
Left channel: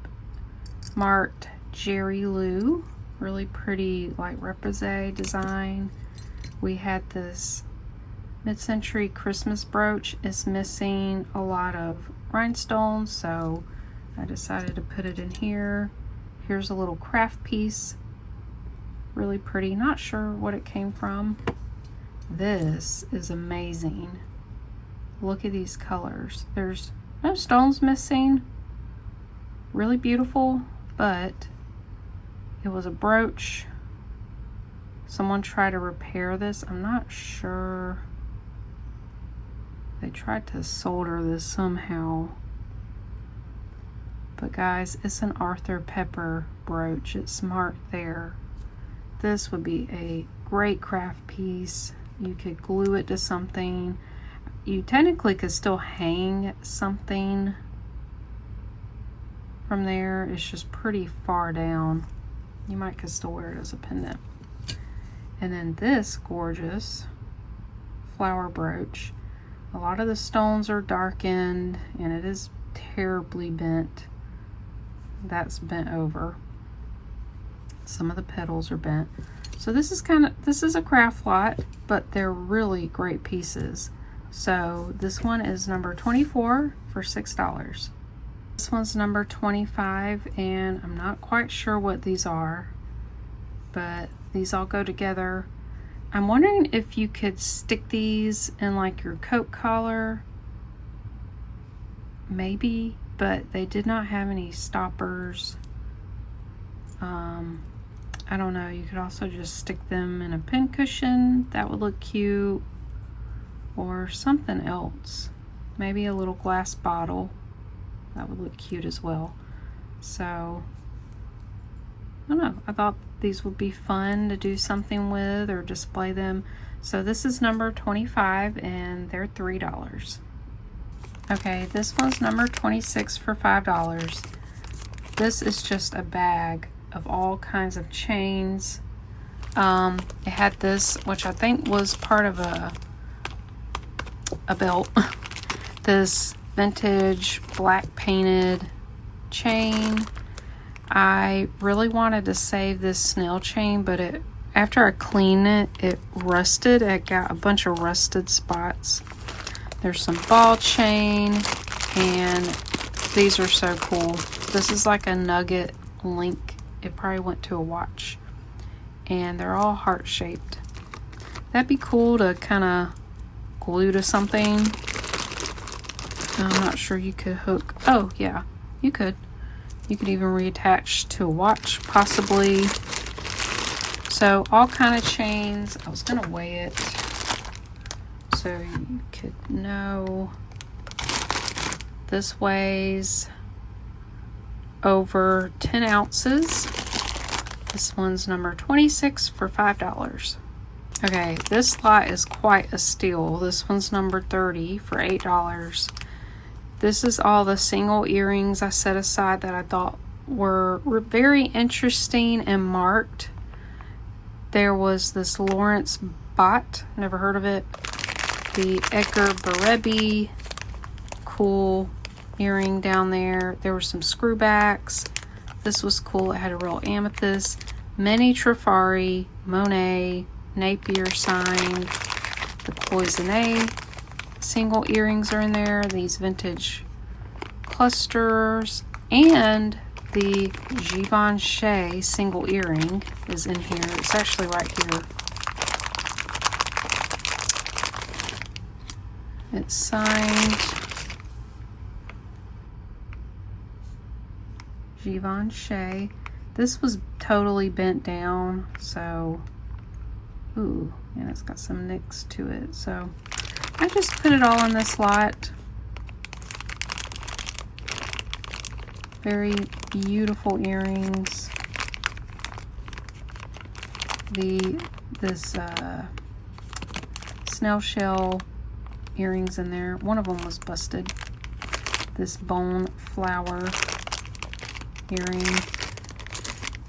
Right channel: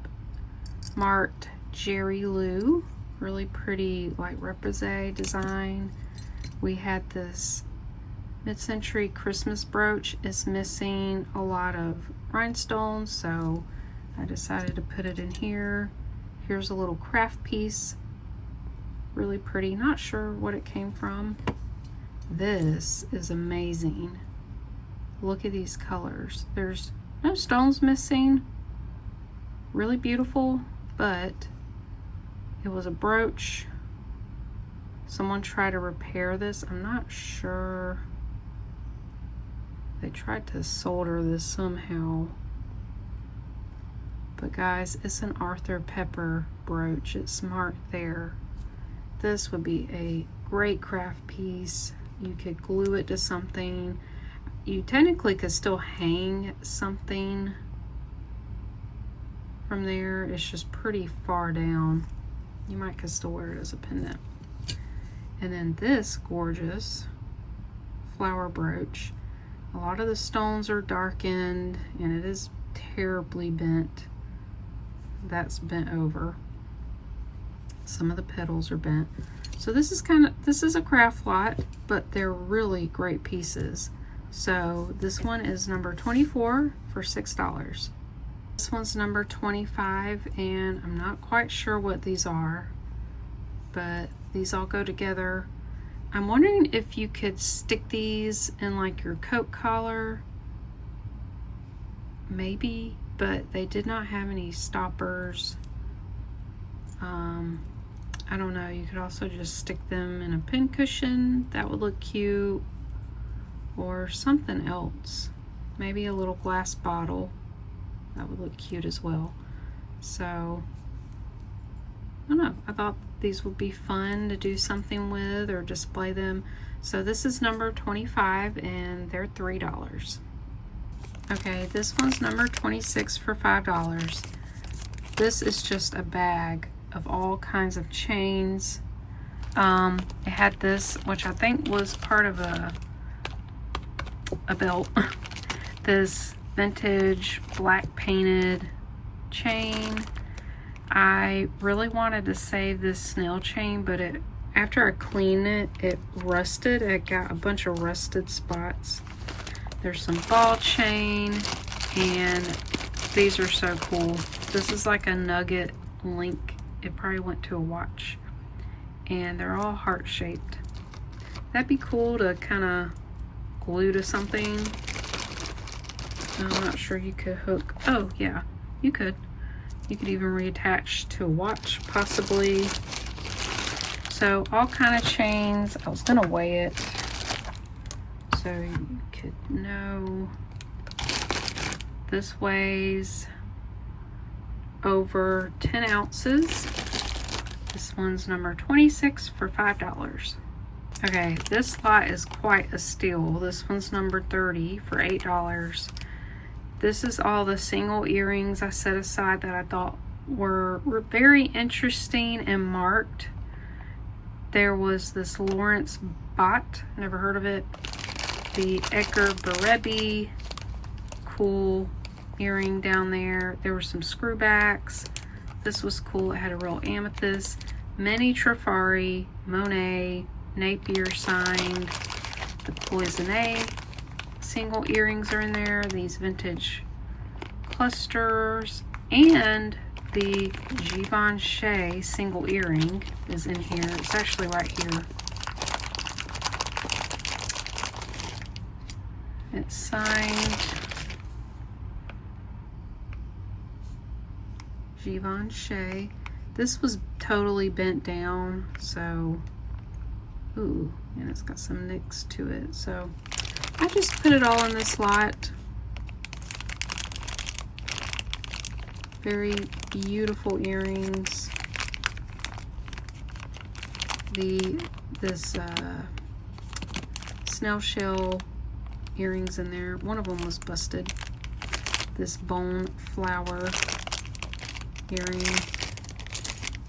marked Jerry Lou. Really pretty, like repoussé design. We had this mid-century Christmas brooch. It's missing a lot of rhinestones, so I decided to put it in here. Here's a little craft piece. Really pretty. Not sure what it came from. This is amazing. Look at these colors. There's no stones missing. Really beautiful, but it was a brooch. Someone tried to repair this. I'm not sure. They tried to solder this somehow. But guys, it's an Arthur Pepper brooch. It's marked there. This would be a great craft piece. You could glue it to something. You technically could still hang something from there. It's just pretty far down. You might could still wear it as a pendant. And then this gorgeous flower brooch. A lot of the stones are darkened and it is terribly bent. That's bent over. Some of the petals are bent. So this is a craft lot, but they're really great pieces. So this one is number 24 for $6. This one's number 25, and I'm not quite sure what these are, but these all go together. I'm wondering if you could stick these in like your coat collar, maybe, but they did not have any stoppers. I don't know, you could also just stick them in a pin cushion. That would look cute. or something else. Maybe a little glass bottle. That would look cute as well. So, I don't know. I thought these would be fun to do something with or display them. So this is number 25 and they're $3. Okay, this one's number 26 for $5. This is just a bag of all kinds of chains. It had this, which I think was part of a belt. This vintage black painted chain. I really wanted to save this snail chain, but after I cleaned it, it rusted. It got a bunch of rusted spots. There's some ball chain, and these are so cool. This is like a nugget link. It probably went to a watch. And they're all heart-shaped. That'd be cool to kind of glue to something. I'm not sure you could hook. Oh, yeah, you could. You could even reattach to a watch, possibly. So all kind of chains. I was gonna weigh it so you could know. This weighs over 10 ounces. This one's number 26 for $5. Okay, this lot is quite a steal. This one's number 30 for $8. This is all the single earrings I set aside that I thought were very interesting and marked. There was this Lawrence Bott, never heard of it. The Edgar Berebi, cool earring down there. There were some screwbacks. This was cool. It had a real amethyst. Many Trifari, Monet, Napier signed. The Cloisonne single earrings are in there. These vintage clusters. And the Givenchy single earring is in here. It's actually right here. It's signed Givenchy. This was totally bent down, so ooh, and it's got some nicks to it. So I just put it all in this lot. Very beautiful earrings. This snail shell earrings in there. One of them was busted. This bone flower earring.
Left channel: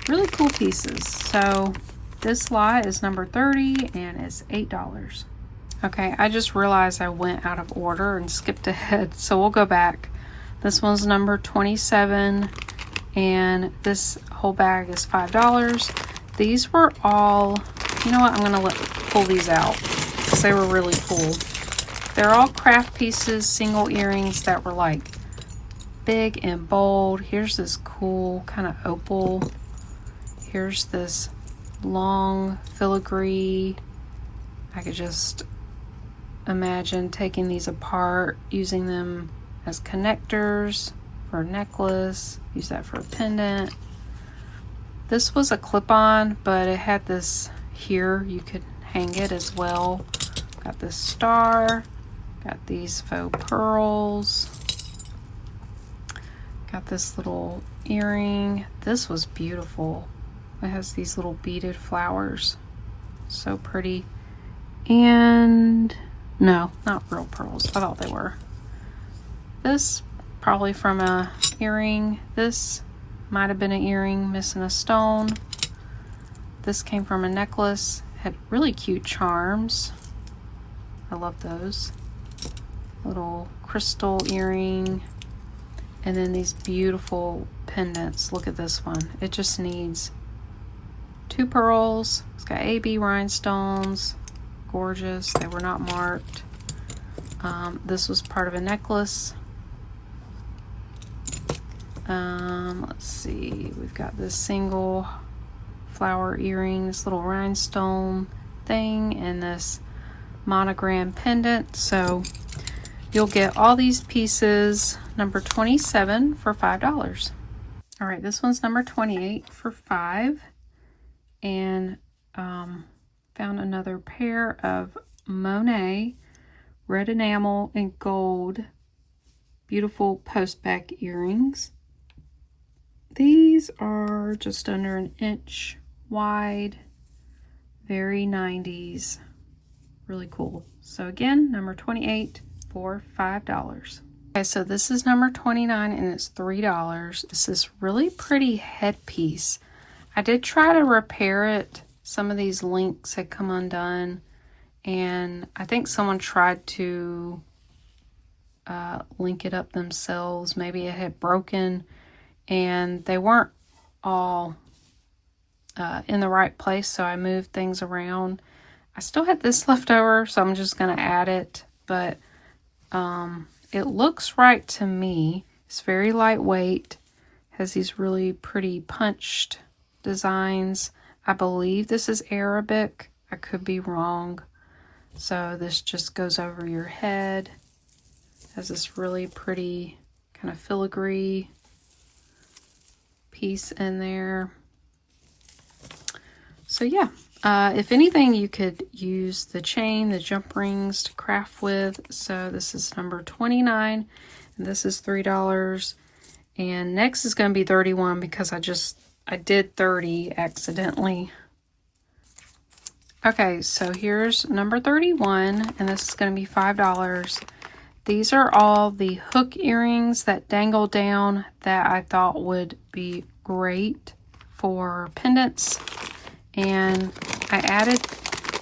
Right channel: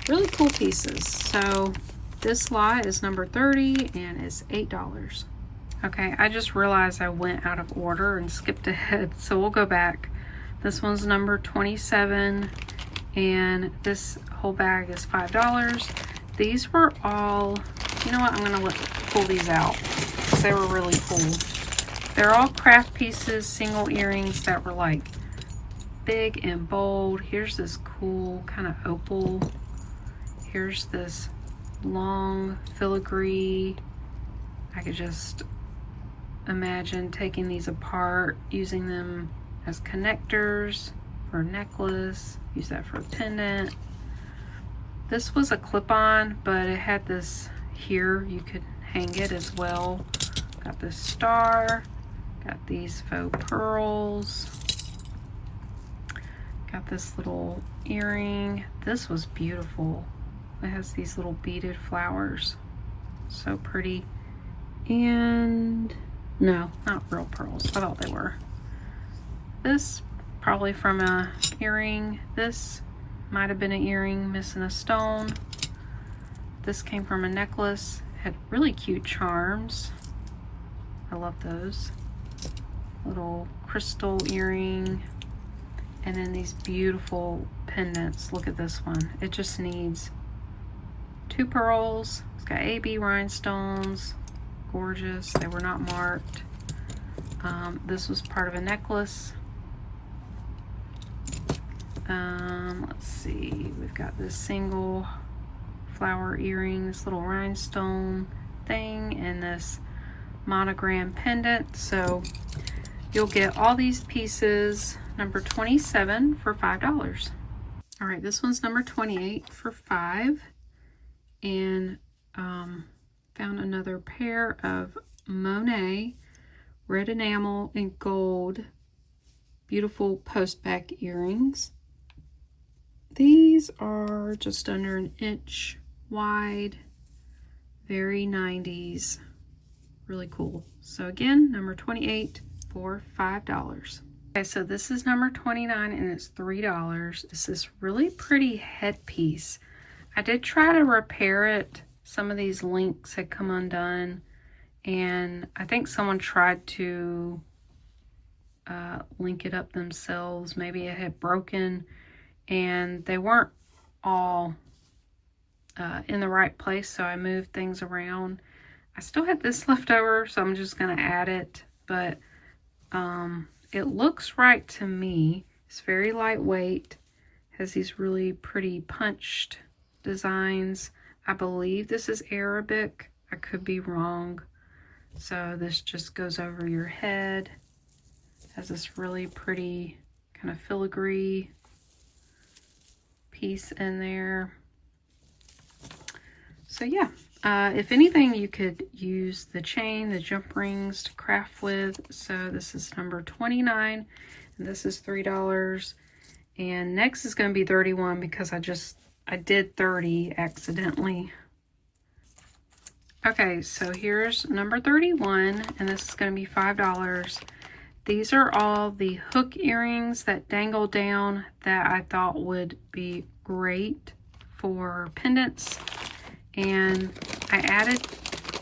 Really cool pieces. So this lot is number 30 and it's $8. Okay, I just realized I went out of order and skipped ahead, so we'll go back. This one's number 27 and this whole bag is $5. These were all, you know what, I'm gonna pull these out because they were really cool. They're all craft pieces, single earrings that were like big and bold. Here's this cool kind of opal. Here's this long filigree. I could just imagine taking these apart, using them as connectors for a necklace, use that for a pendant. This was a clip-on, but it had this here, you could hang it as well. Got this star, got these faux pearls, got this little earring. This was beautiful. It has these little beaded flowers. So pretty. And no, not real pearls. I thought they were. This probably from a earring. This might have been an earring missing a stone. This came from a necklace. Had really cute charms. I love those. Little crystal earring. And then these beautiful pendants. Look at this one. It just needs 2 pearls. It's got AB rhinestones. Gorgeous. They were not marked. This was part of a necklace. Let's see. We've got this single flower earring, this little rhinestone thing, and this monogram pendant. So you'll get all these pieces, number 27 for $5. All right, this one's number 28 for $5. And found another pair of Monet red enamel and gold, beautiful post back earrings. These are just under an inch wide, very 90s, really cool. So again, number 28 for $5. Okay, so this is number 29 and it's $3. It's this really pretty headpiece. I did try to repair it. Some of these links had come undone, and I think someone tried to link it up themselves. Maybe it had broken and they weren't all in the right place, so I moved things around. I still had this left over, so I'm just going to add it, but it looks right to me. It's very lightweight, has these really pretty punched designs. I believe this is Arabic. I could be wrong. So this just goes over your head. Has this really pretty kind of filigree piece in there. So yeah, if anything, you could use the chain, the jump rings to craft with. So this is number 29, and this is $3. And next is going to be 31 because I did 30 accidentally. Okay, so here's number 31, and this is going to be $5. These are all the hook earrings that dangle down that I thought would be great for pendants. And I added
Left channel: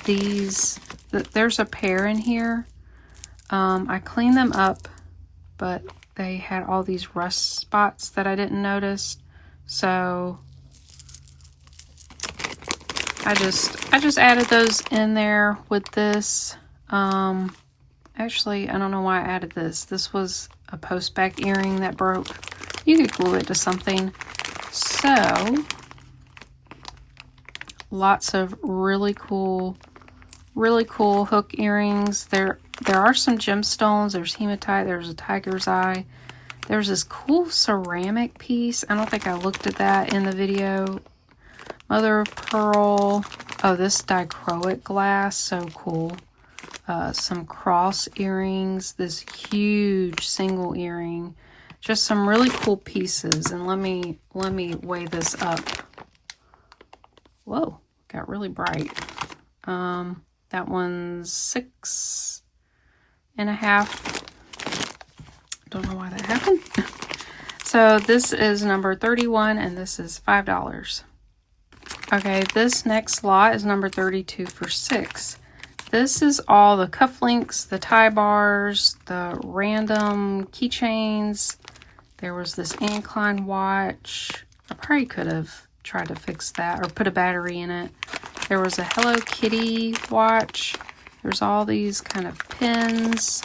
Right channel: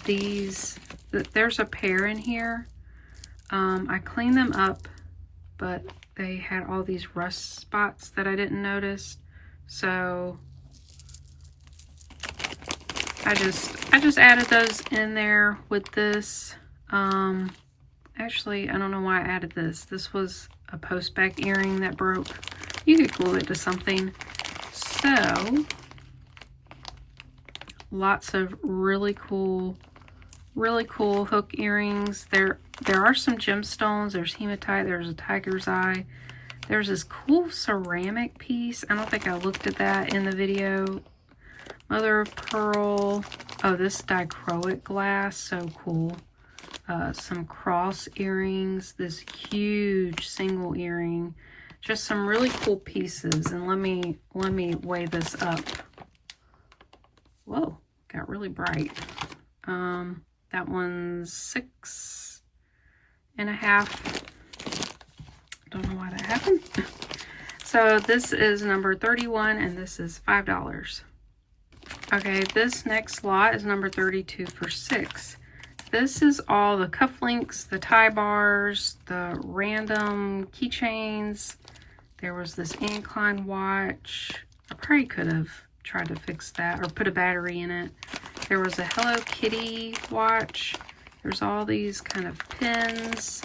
these. There's a pair in here. I cleaned them up, but they had all these rust spots that I didn't notice. So I just added those in there with this. Actually, I don't know why I added this. This was a post back earring that broke. You could glue it to something. So lots of really cool hook earrings. There are some gemstones. There's hematite. There's a tiger's eye. There's this cool ceramic piece. I don't think I looked at that in the video. Mother of pearl. Oh, this dichroic glass. So cool. Some cross earrings. This huge single earring. Just some really cool pieces. And let me weigh this up. Whoa, got really bright. That one's 6.5. Don't know why that happened. So this is number 31 and this is $5. Okay, this next lot is number 32 for $6. This is all the cufflinks, the tie bars, the random keychains. There was this incline watch. I probably could have tried to fix that or put a battery in it. There was a Hello Kitty watch. There's all these kind of pins.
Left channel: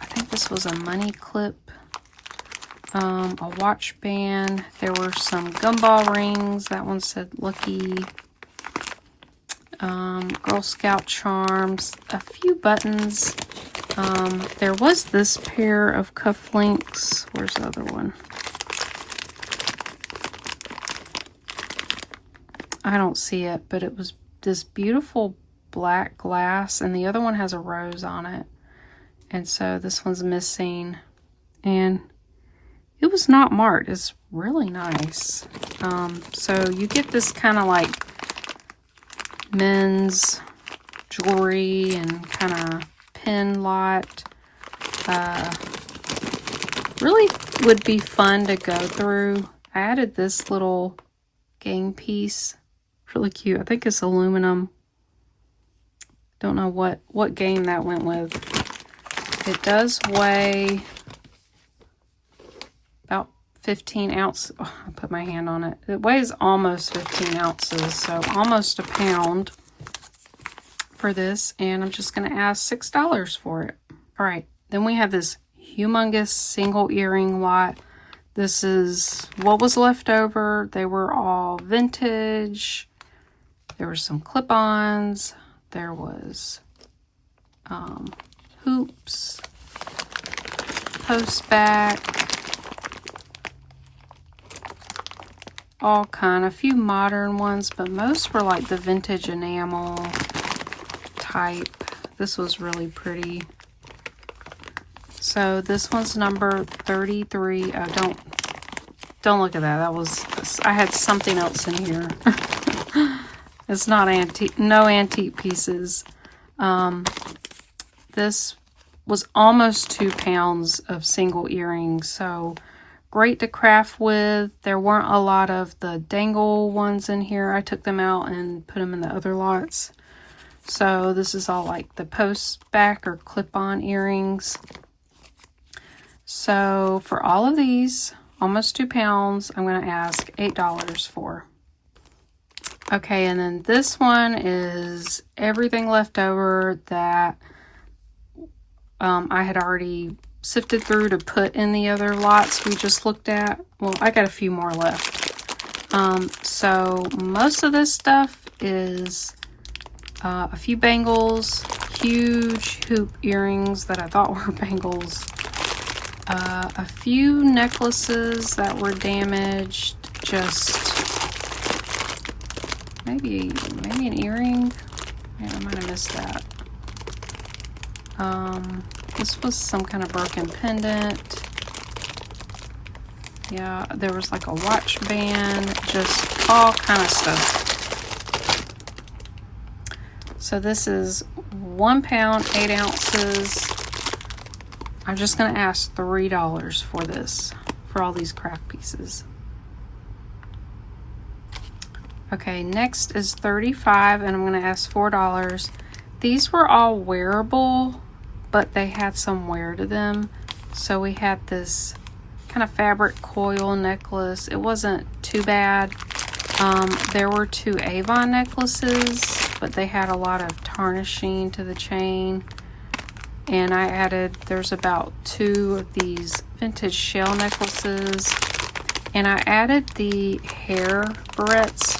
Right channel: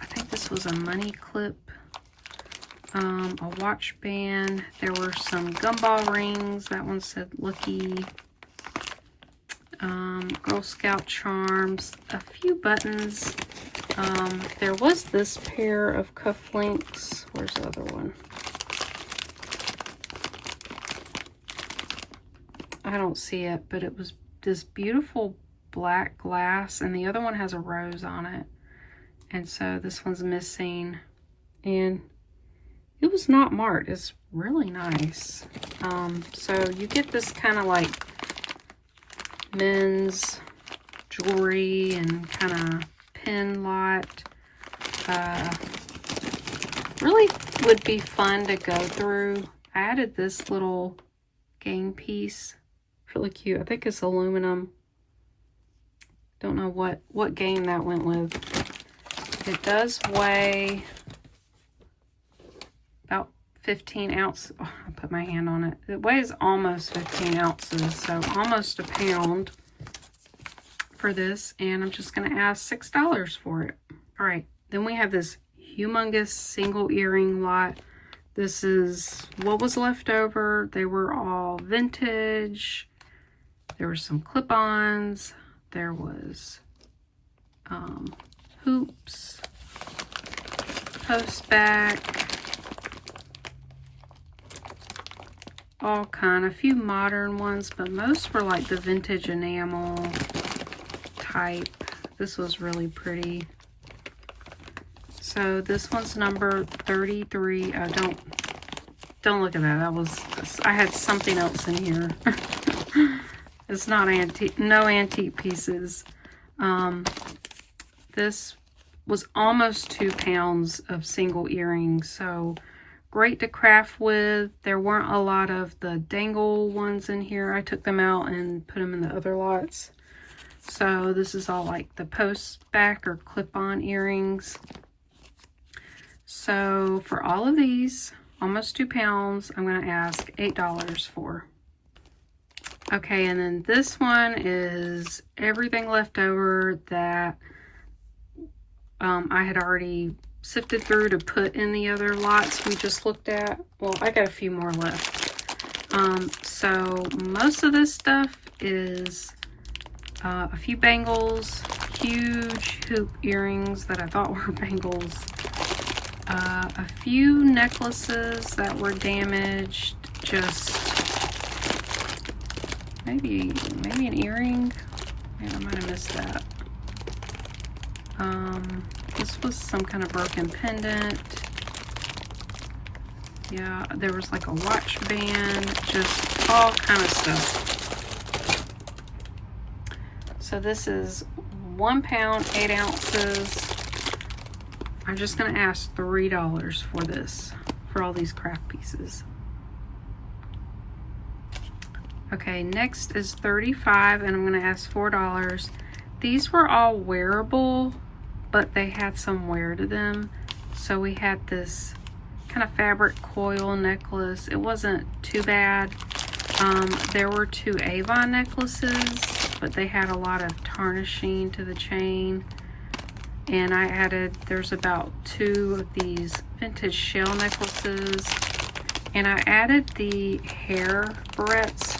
I think this was a money clip. A watch band. There were some gumball rings. That one said Lucky. Girl Scout charms. A few buttons. There was this pair of cufflinks. Where's the other one? I don't see it, but it was this beautiful black glass, and the other one has a rose on it. And so this one's missing. And it was not marked. It's really nice. So you get this kind of like men's jewelry and kind of pin lot. Really would be fun to go through. I added this little game piece. Really cute. I think it's aluminum. Don't know what game that went with. It does weigh about 15 ounces. Oh, I put my hand on it. It weighs almost 15 ounces, so almost a pound for this. And I'm just going to ask $6 for it. All right. Then we have this humongous single earring lot. This is what was left over. They were all vintage. There were some clip-ons. There was hoops, post back, all kind. A few modern ones, but most were like the vintage enamel type. This was really pretty. So this one's number 33. Don't look at that. That was, I had something else in here. It's not antique, no antique pieces. This was almost 2 pounds of single earrings, so great to craft with. There weren't a lot of the dangle ones in here. I took them out and put them in the other lots. So this is all like the post back or clip-on earrings. So for all of these, almost 2 pounds, I'm going to ask $8 for. Okay, and then this one is everything left over that I had already sifted through to put in the other lots we just looked at. Well, I got a few more left. So most of this stuff is a few bangles, huge hoop earrings that I thought were bangles, a few necklaces that were damaged, just maybe an earring. Yeah, I might have missed that. This was some kind of broken pendant. Yeah, there was like a watch band, just all kind of stuff. So this is 1 pound, 8 ounces. I'm just going to ask $3 for this, for all these craft pieces. Okay, next is 35, and I'm going to ask $4. These were all wearable, but they had some wear to them. So we had this kind of fabric coil necklace. It wasn't too bad. There were 2 Avon necklaces, but they had a lot of tarnishing to the chain. And I added, there's about 2 of these vintage shell necklaces. And I added the hair barrettes.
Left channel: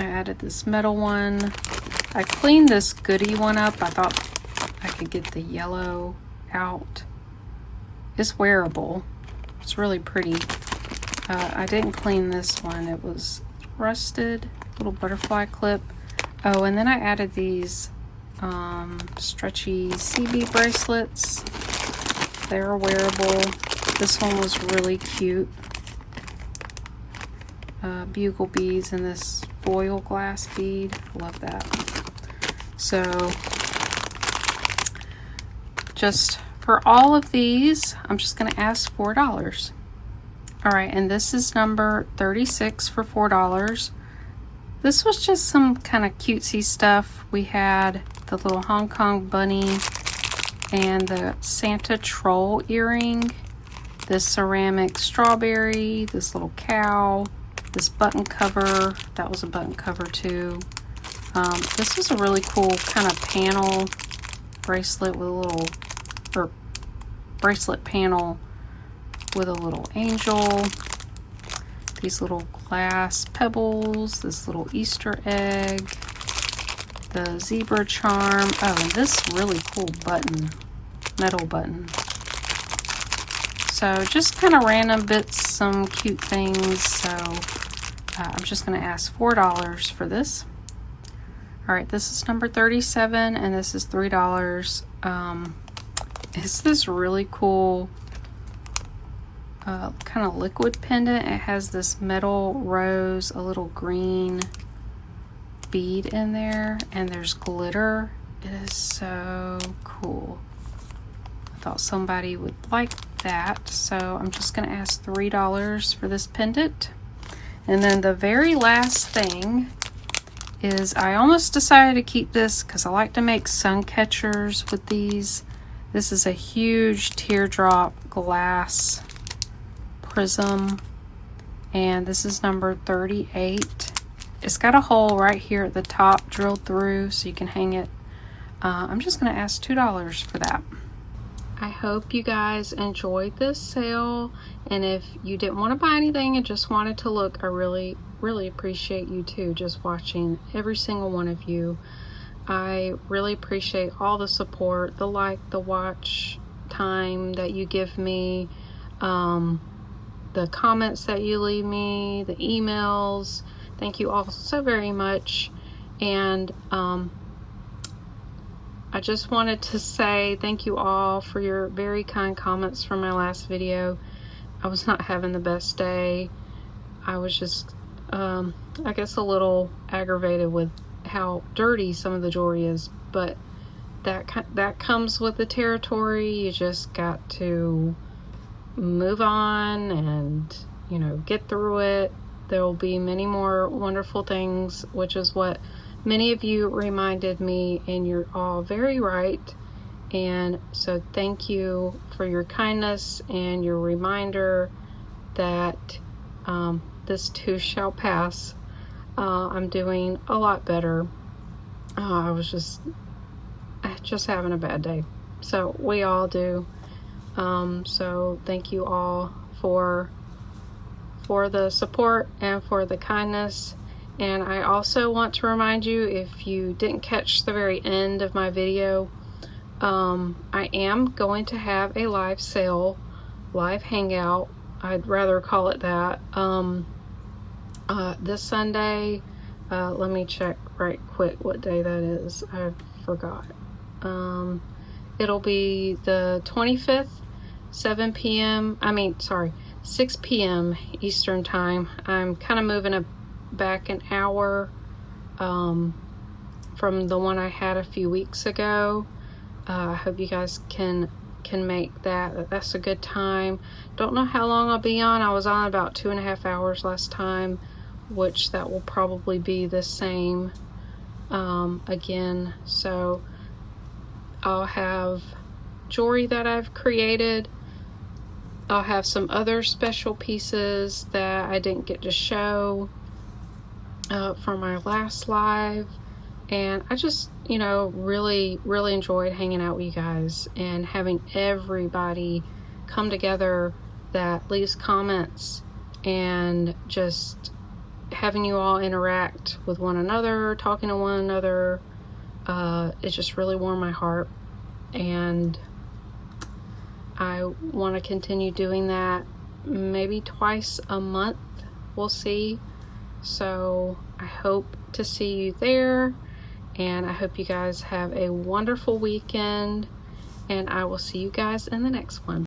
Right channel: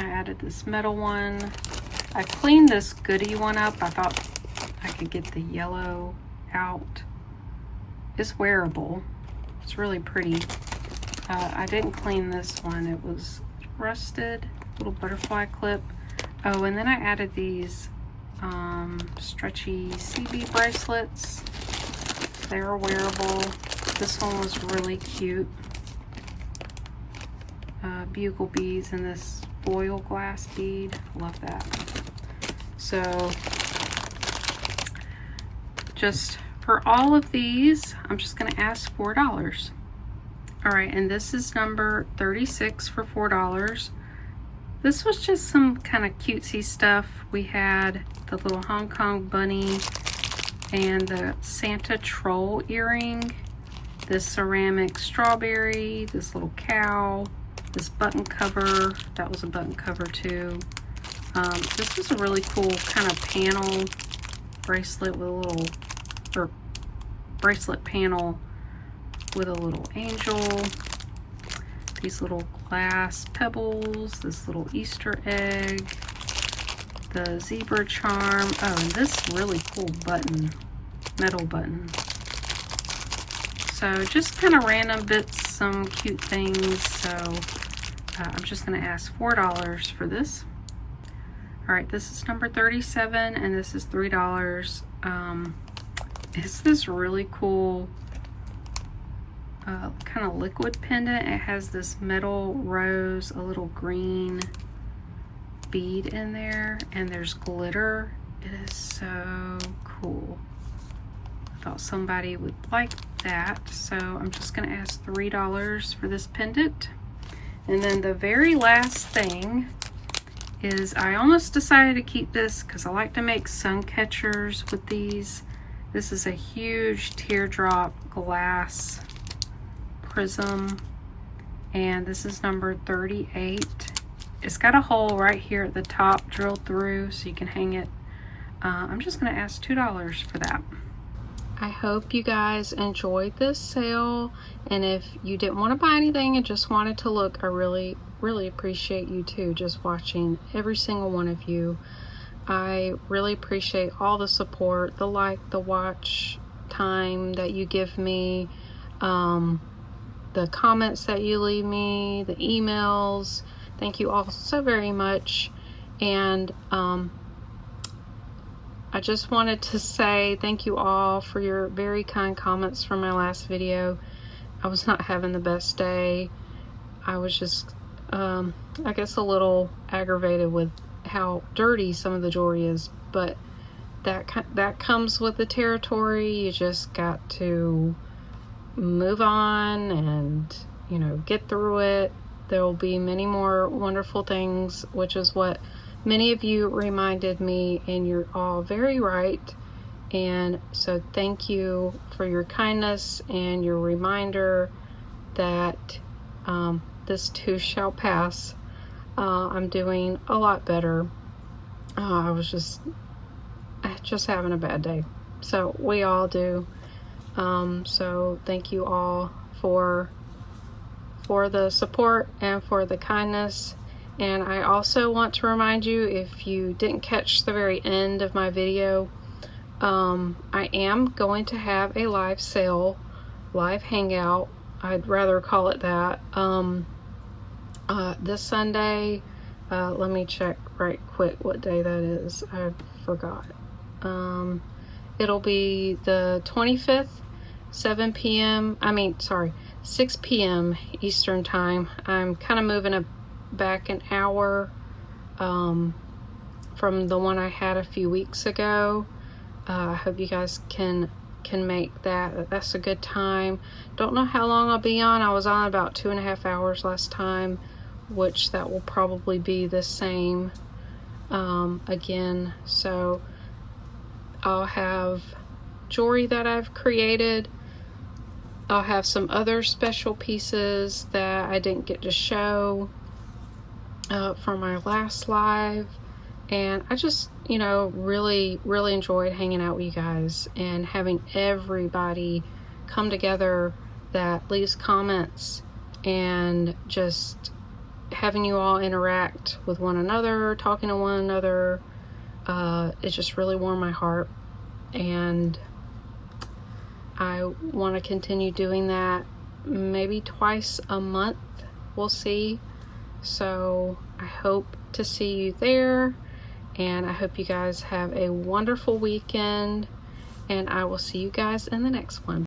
I added this metal one. I cleaned this goodie one up. I thought I could get the yellow out. It's wearable. It's really pretty. I didn't clean this one. It was rusted. Little butterfly clip. Oh, and then I added these stretchy CB bracelets. They're wearable. This one was really cute. Bugle beads and this foil glass bead. Love that. So just for all of these, I'm just going to ask $4. All right, and this is number 36 for $4. This was just some kind of cutesy stuff. We had the little Hong Kong bunny and the Santa troll earring, this ceramic strawberry, this little cow, this button cover. That was a button cover too. This was a really cool kind of panel bracelet with a little, or bracelet panel with a little angel. These little glass pebbles, this little Easter egg, the zebra charm. Oh, and this really cool button, metal button. So just kind of random bits, some cute things. So I'm just going to ask $4 for this. All right, this is number 37, and this is $3. It's this really cool kind of liquid pendant. It has this metal rose, a little green bead in there, and there's glitter. It is so cool. I thought somebody would like that, so I'm just going to ask $3 for this pendant. And then the very last thing is, I almost decided to keep this because I like to make sun catchers with these. This is a huge teardrop glass prism, and this is number 38. It's got a hole right here at the top drilled through so you can hang it. I'm just going to ask $2 for that. I hope you guys enjoyed this sale, and if you didn't want to buy anything and just wanted to look, I really appreciate you too, just watching, every single one of you. I really appreciate all the support, the like, the watch time that you give me, the comments that you leave me, the emails. Thank you all so very much. And I I just wanted to say thank you all for your very kind comments from my last video. I was not having the best day. I was just, I guess, a little aggravated with how dirty some of the jewelry is, but that comes with the territory. You just got to move on and, you know, get through it. There will be many more wonderful things, which is what many of you reminded me, and you're all very right. And so thank you for your kindness and your reminder that this too shall pass. I'm doing a lot better. I was just having a bad day. So we all do. So thank you all for the support and for the kindness. And I also want to remind you, if you didn't catch the very end of my video, I am going to have a live sale, live hangout. I'd rather call it that. This Sunday, let me check right quick what day that is. I forgot. It'll be the 25th, 6 p.m. Eastern time. I'm kind of moving it back an hour from the one I had a few weeks ago. I hope you guys can make that. That's a good time. Don't know how long I'll be on. I was on about 2.5 hours last time, which that will probably be the same again. So I'll have jewelry that I've created. I'll have some other special pieces that I didn't get to show for my last live. And I just, you know, really enjoyed hanging out with you guys and having everybody come together that leaves comments, and just having you all interact with one another, talking to one another. It just really warmed my heart, and I want to continue doing that, maybe twice a month. We'll see. So I hope to see you there, and I hope you guys have a wonderful weekend, and I will see you guys in the next one.